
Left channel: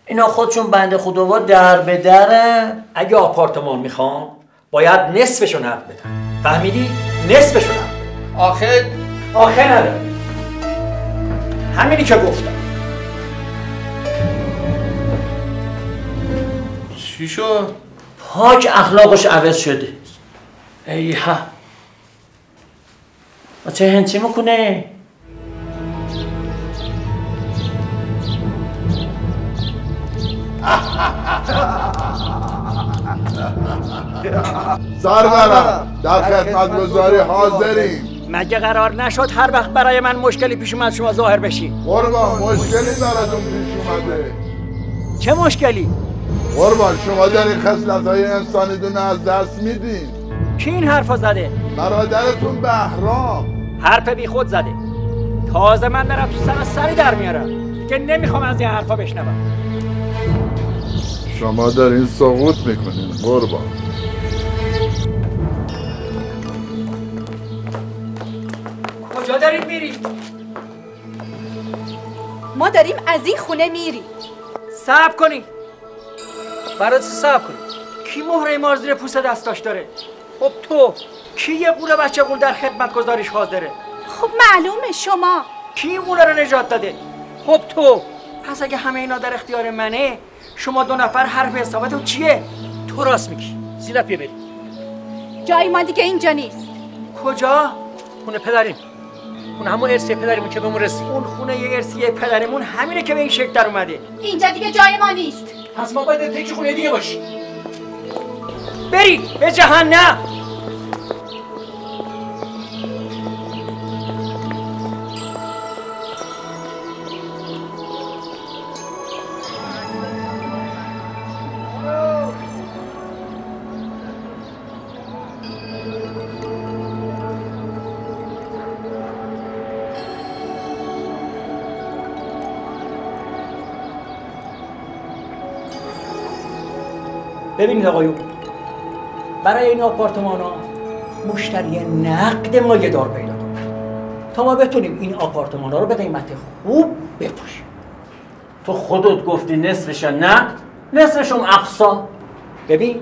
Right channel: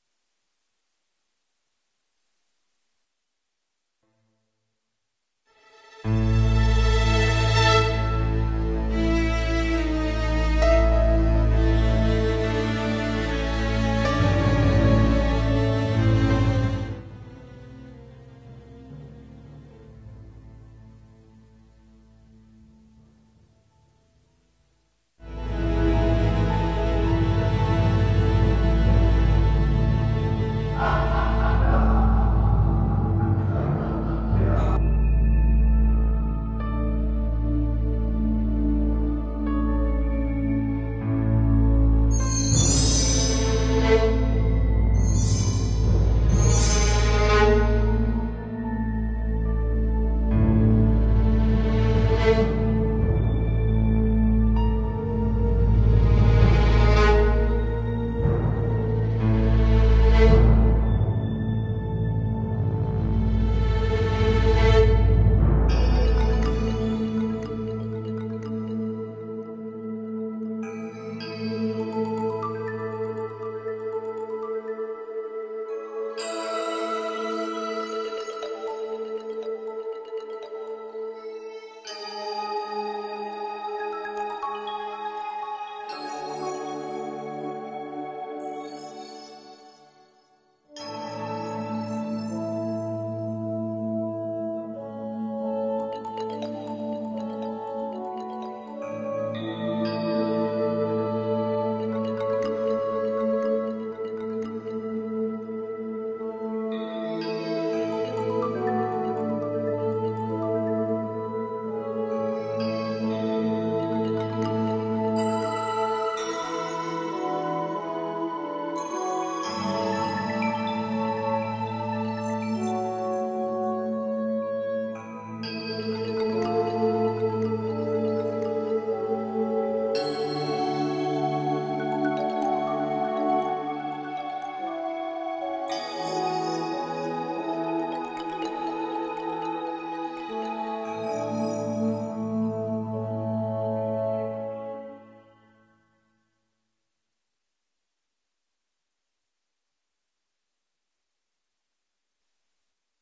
اینا خودشون بنده خداوا در به درن. اگه آپارتمان میخوان باید نصفشو نقد بدن. فهمیدی؟ نصفشو نقد. آخه نداره. همینی که گفتم. چی شد؟ پاک اخلاقش عوض شده. ای ها چه هنچی میکنه؟ سرورم در خدمت گذاری حاضریم. مگه قرار نشد هر وقت برای من مشکلی پیش اومد شما ظاهر بشی؟ قربان مشکلی براتون پیش اومده. چه مشکلی؟ قربان شما دارین خصلت‌های انسانیتون از دست میدین. کی این حرفا زده؟ برادرتون بهرام. حرف بی خود زده. تازه من برم تو سری در میارم که نمیخوام از این حرفا بشنوم. شما دارین سقوط میکنین قربان. کجا دارید میری؟ ما داریم از این خونه میریم. صبر کنی. برای چی صبر کنی؟ کی مهره مار زیر پوست دستاش داره؟ خب تو کی یه قوله بچه قول در خدمت گذاریش حاضره؟ خب معلومه شما. کی این قوله رو نجات داده؟ خب تو. پس اگه همه اینا در اختیار منه شما دو نفر حرف حسابتون چیه؟ تو راست میگی. زینب بریم. جای ما دیگه اینجا نیست. کجا؟ خونه پدریم. اون همون ارثی پدریمون که بهمون رسید. اون خونه ارثی پدریمون همینه که به این شکل در اومده. اینجا دیگه جای ما نیست. پس ما باید تک خونه دیگه باشیم. بری به جهنم. ببینید آقایون، برای این آپارتمان ها مشتری نقد مایه دار پیدا کنیم تا ما بتونیم این آپارتمان ها رو به قیمت خوب بفروشیم. تو خودت گفتی نصفش نقد، نصفشم اقساط. ببین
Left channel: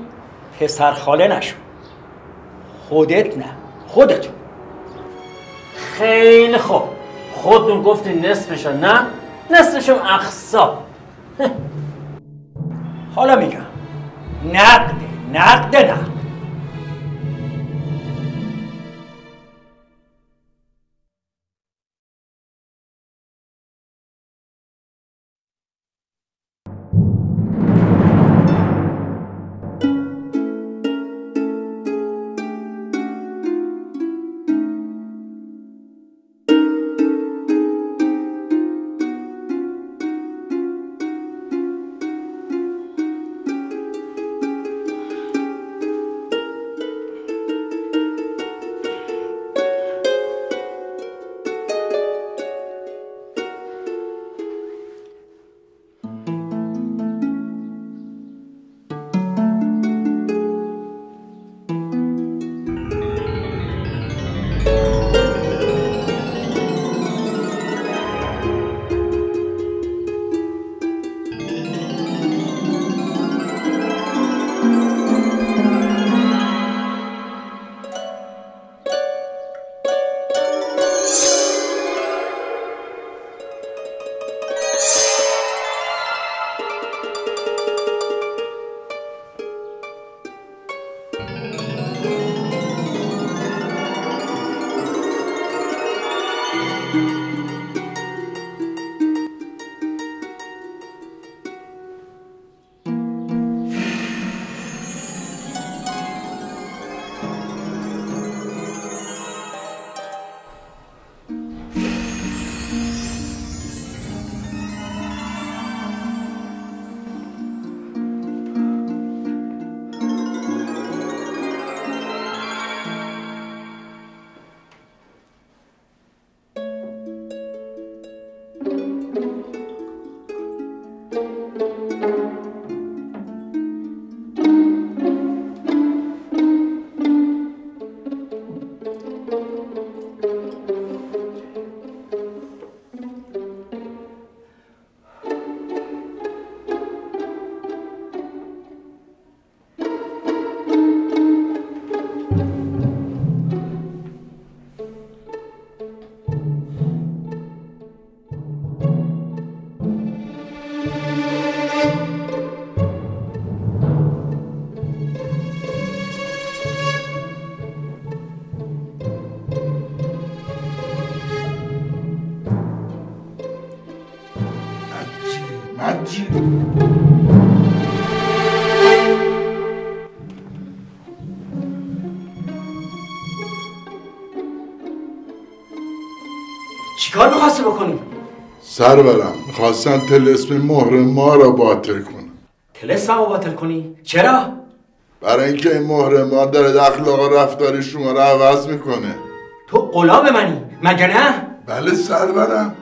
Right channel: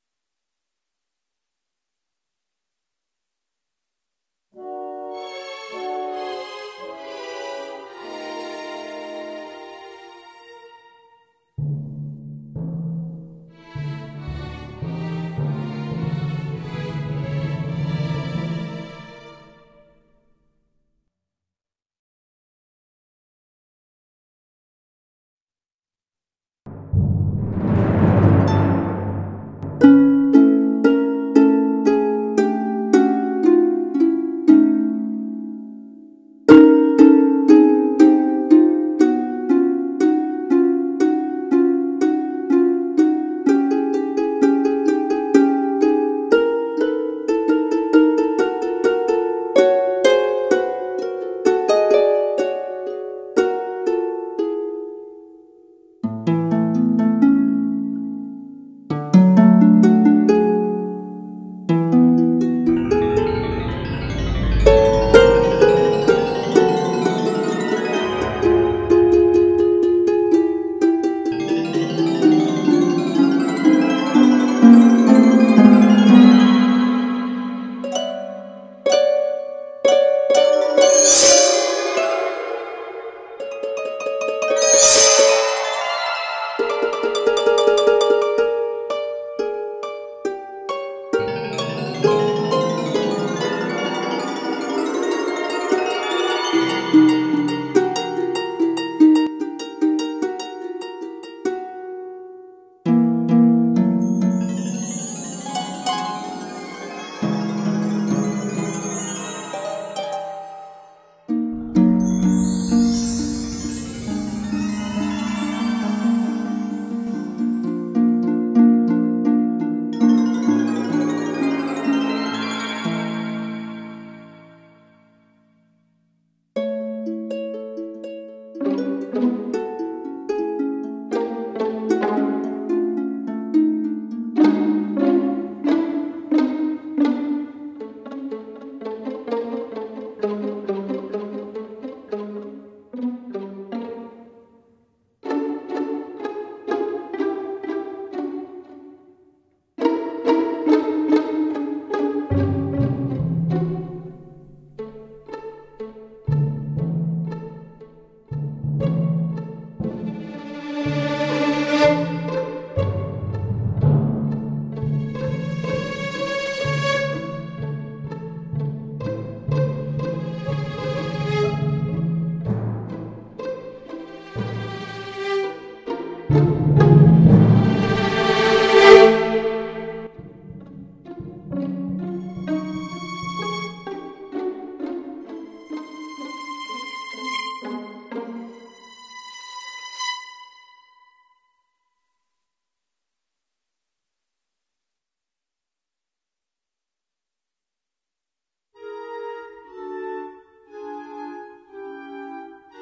پسر خاله نشو. خودت نه، خودت. خیلی خوب، خودتون گفتی نصفش نقد، نصفشم اقساط. حالا میگم نقد. حاجی. چیکار می‌خواستی بکنی؟ سرورم میخواستن طلسم مهر ما را باطل کنن. طلسم رو باطل کنی؟ چرا؟ برای اینکه این مهر ما داره اخلاق و رفتار شما را عوض میکنه. تو غلام منی مگه نه؟ بله سرورم.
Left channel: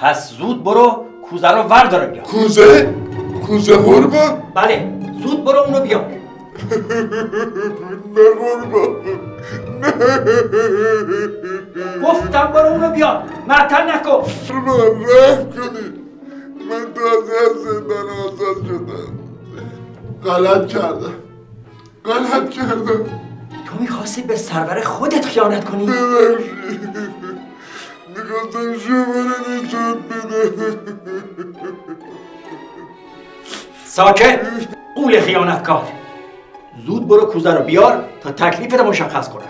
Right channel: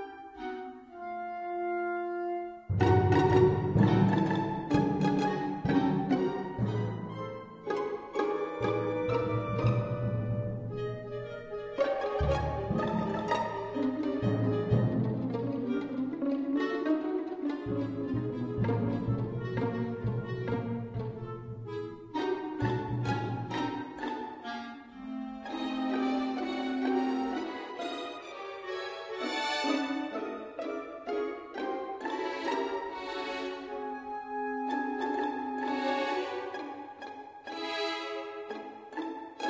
پس زود برو کوزه رو وردار بیا. کوزه؟ کوزه قربان؟ بله زود برو اونو بیا. نه قربان. گفتم برو اونو بیا. معطل نکن. رحم کنید. من تازه از زندان آزاد شدم. غلط کردم. تو میخواستی به سرور خودت خیانت کنی؟ ببخشید. میخواستم شما رو نجات بدم. ساکت. قول خیانتکار. زود برو کوزه رو بیار تا تکلیفت مشخص کنم.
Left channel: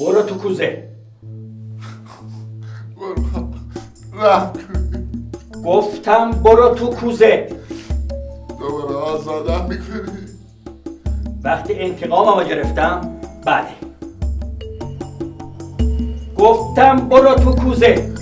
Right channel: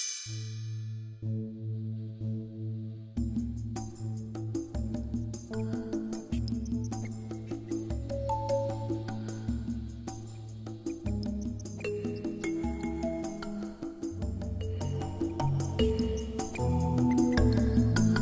برو تو کوزه. گفتم برو تو کوزه. دوباره آزادم میکنی؟ وقتی انتقاممو گرفتم بله. گفتم برو تو کوزه.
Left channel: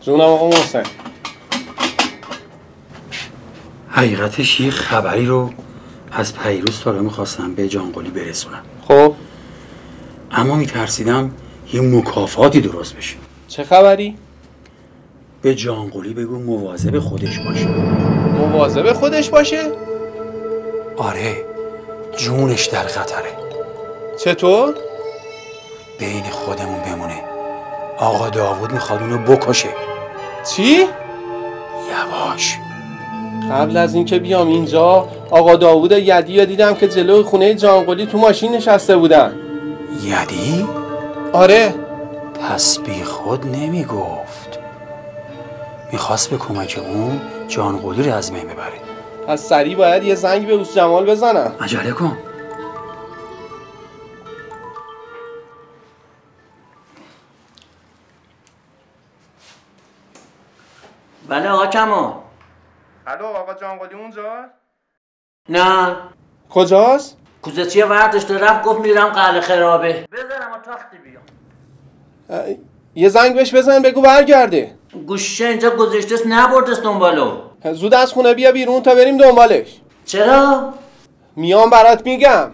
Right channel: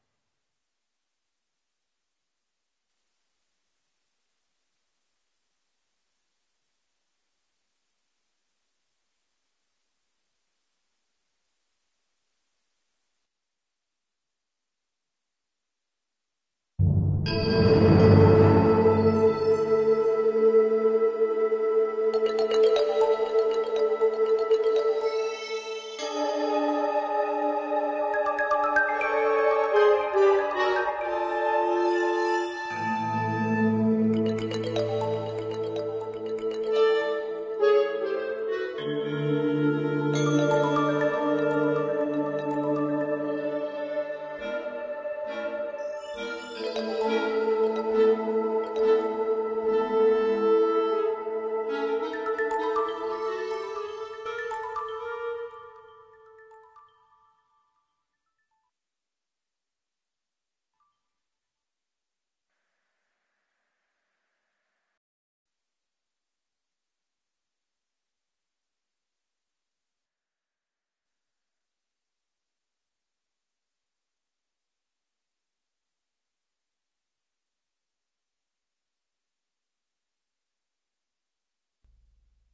جونم آقا محسن. حقیقتش یه خبری رو از پیروز تا میخواستم به جانقلی برسونم. خب اما میترسیدم یه مکافاتی درست بشه. چه خبری؟ به جانقلی بگو مواظب خودش باشه. مواظب خودش باشه؟ آره جونش در خطره. چطور؟ بین خودمون بمونه. آقا داوود میخواد اونو بکشه. چی؟ یواش. قبل از اینکه بیام اینجا آقا داوود یدی رو دیدم که جلوی خونه جانقلی تو ماشین نشسته بودن. یدی؟ آره. پس بی خود نمیگفت. میخواست به کمک اون جانقلی رو از بین ببره. پس سریع باید یه زنگ به اوس جمال بزنم. عجله کن. بله آقا کمال. الو آقا جانقلی اونجا؟ نه. کجاست؟ کوزه چیه ورداشته رفت گفت میرم قلعه خرابه. بزنم و تاختی بیام. یه زنگ بهش بزن بگو برگرده. گوشه اینجا گذاشتهست نبردست دنبالو. زود از خونه بیا بیرون تا بریم دنبالش. چرا؟ میام برات میگم.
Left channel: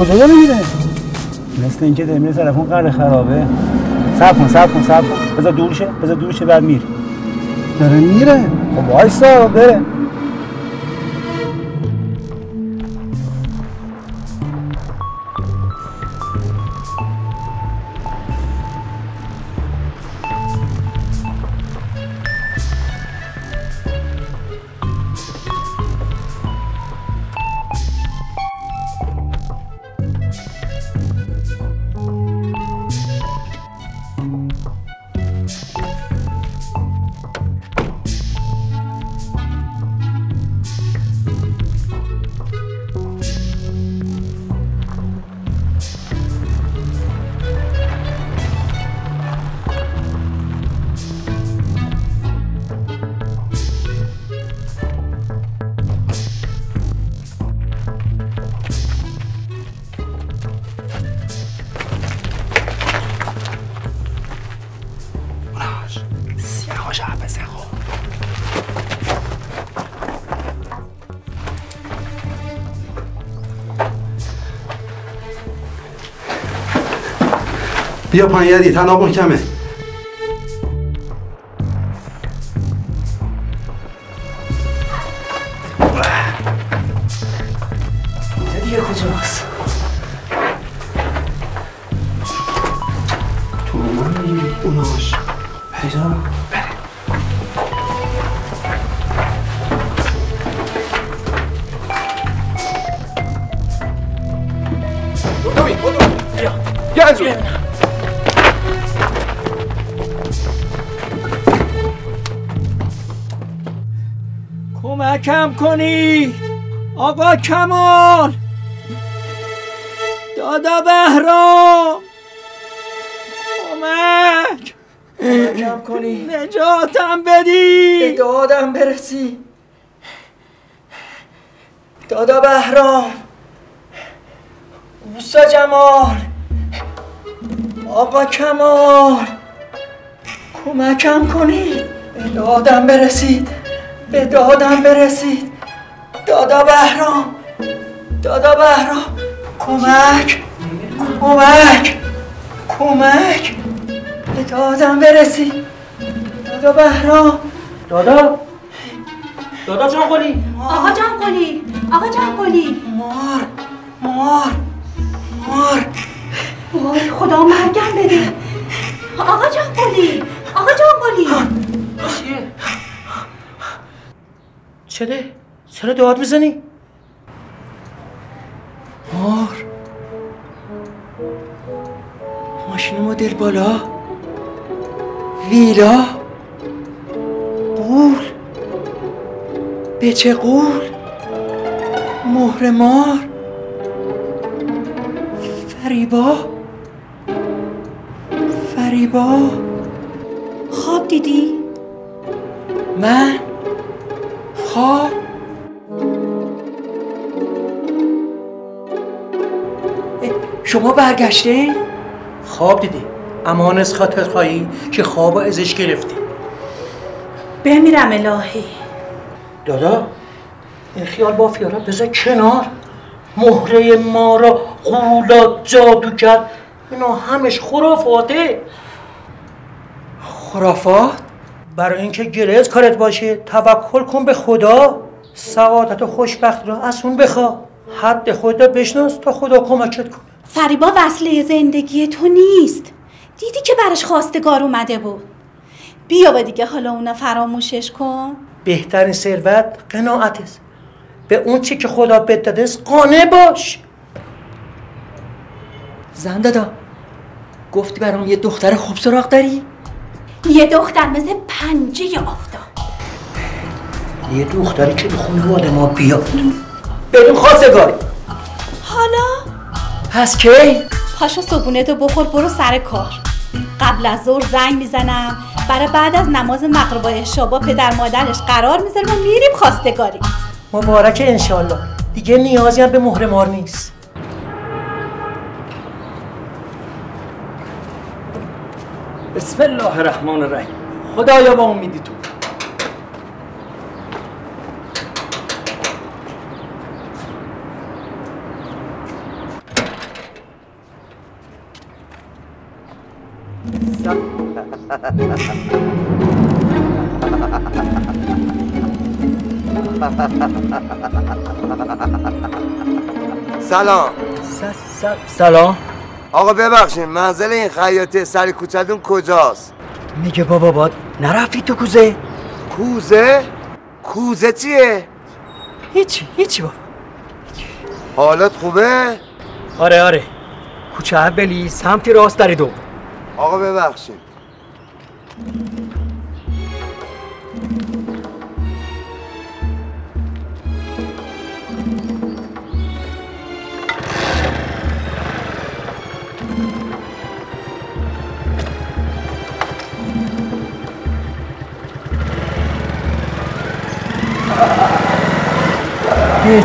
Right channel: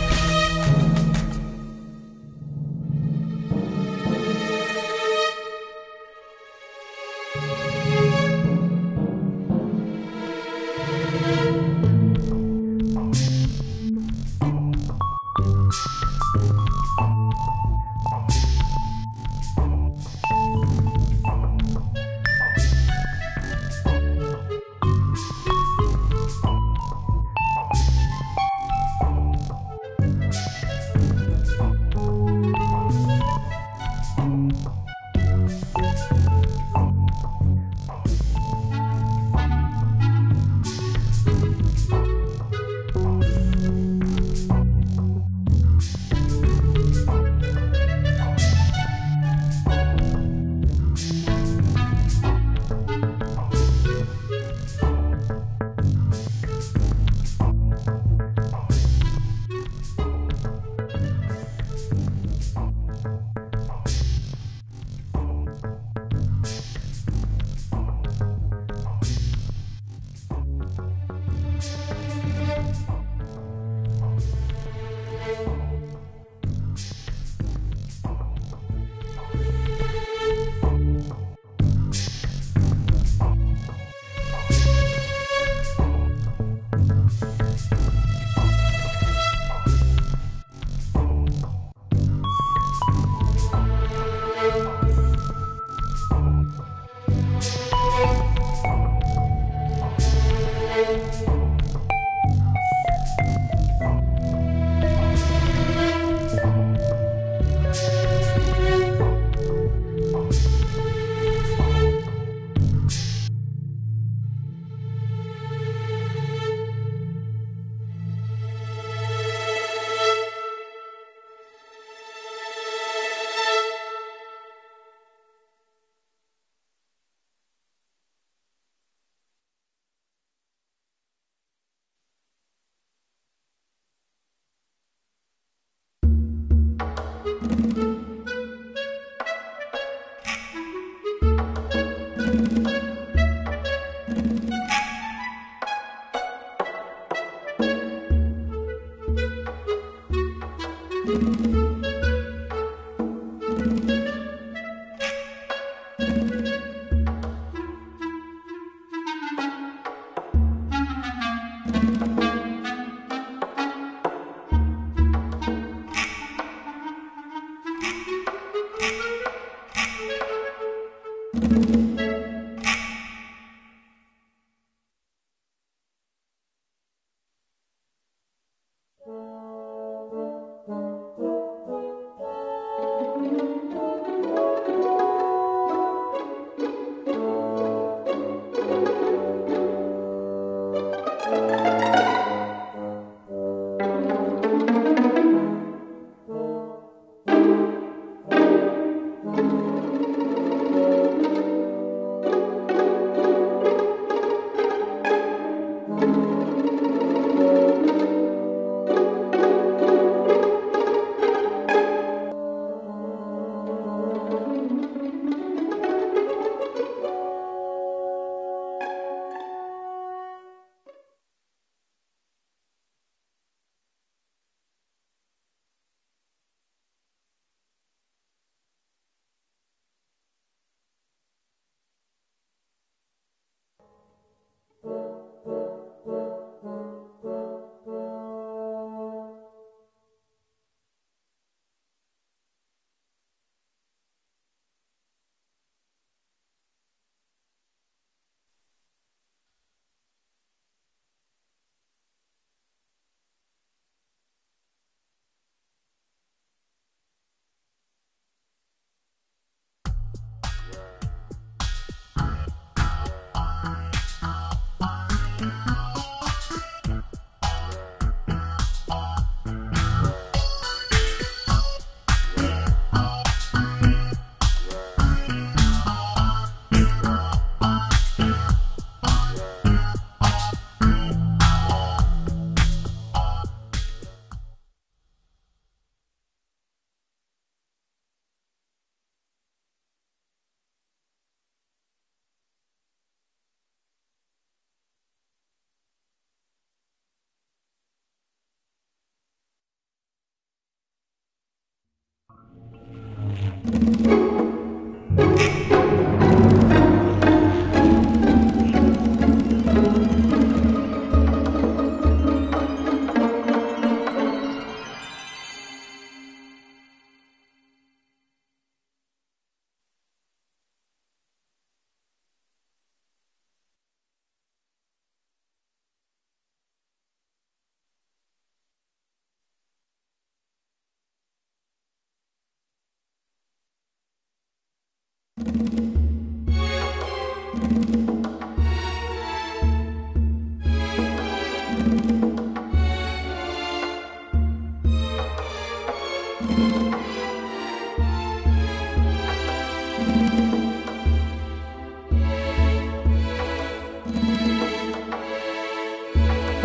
کجا میره؟ مثل اینکه داره میره طرف اون قلعه خرابه. صبر کن. بذار دور شه بعد میره. داره میره. خب وایسا بره. بیا پایین یدی تناب کمه. دیگه کجاست؟ تو اوناش پیدا کمکم کنی آقا کمال، دادا بهرام، کمکم کنی، نجاتم بدی، به دادم برسی. دادا بهرام، موسا جمال، آقا کمال، کمکم کنی، به دادم برسید، به دادم برسید. دادا بهرام، دادا بهرام، کمک، کمک، کمک، به دادم برسید. دادا بهرام، دادا جان قلی، آقا جان قلی، آقا جان قلی، مار وای خدا مرگم بده. آقا جان قلی، آقا جان قلی. چیه؟ چرا داد میزنی؟ مار، ماشین مدل بالا، ویلا، قول، بچه قول، مهر مار، فریبا. خواب دیدی؟ من؟ خواب؟ شما برگشته؟ خواب دیدی، امان از خاطر خواهی که خواب ازش گرفتی. بمیرم الهی. دادا این خیال بافیا را بذار کنار. مهره ما را غولات جادو کرد، اینا همش خرافاته. خرافات؟ برای اینکه گرز کارت باشه توکل کن به خدا. سعادت و خوشبختی را از اون بخوا. حد خودت بشناس تا خدا کمکت کنه. فریبا وصله زندگی تو نیست. دیدی که براش خواستگار اومده بود. بیا و دیگه حالا اونا فراموشش کن. بهترین ثروت قناعت است. به اون چی که خدا بهت داده است قانع باش. زن دادا گفتی برام یه دختر خوب سراغ داری؟ یه دختر مثل پنجه آفتاب. یه دختری که به خانواده ما بیاد بریم خواستگاری. حالا؟ پس کی؟ پاشو صبحونه‌تو بخور برو سر کار. قبل از ظهر زنگ میزنم برای بعد از نماز مغرب و عشا با پدر مادرش قرار میذاریم و میریم خواستگاری. مبارک انشالله. دیگه نیازی هم به مهر مار نیست. بسم الله الرحمن الرحیم. خدایا با امیدی تو. سلام. سلام. آقا ببخشید منزل این خیاطی سر کوچه‌تون کجاست؟ میگه بابا باد نرفتی تو کوزه؟ کوزه؟ کوزه چیه؟ هیچی بابا. حالت خوبه؟ آره کوچه اولی سمت راست در دو. آقا ببخشید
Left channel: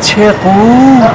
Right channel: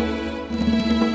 چه قول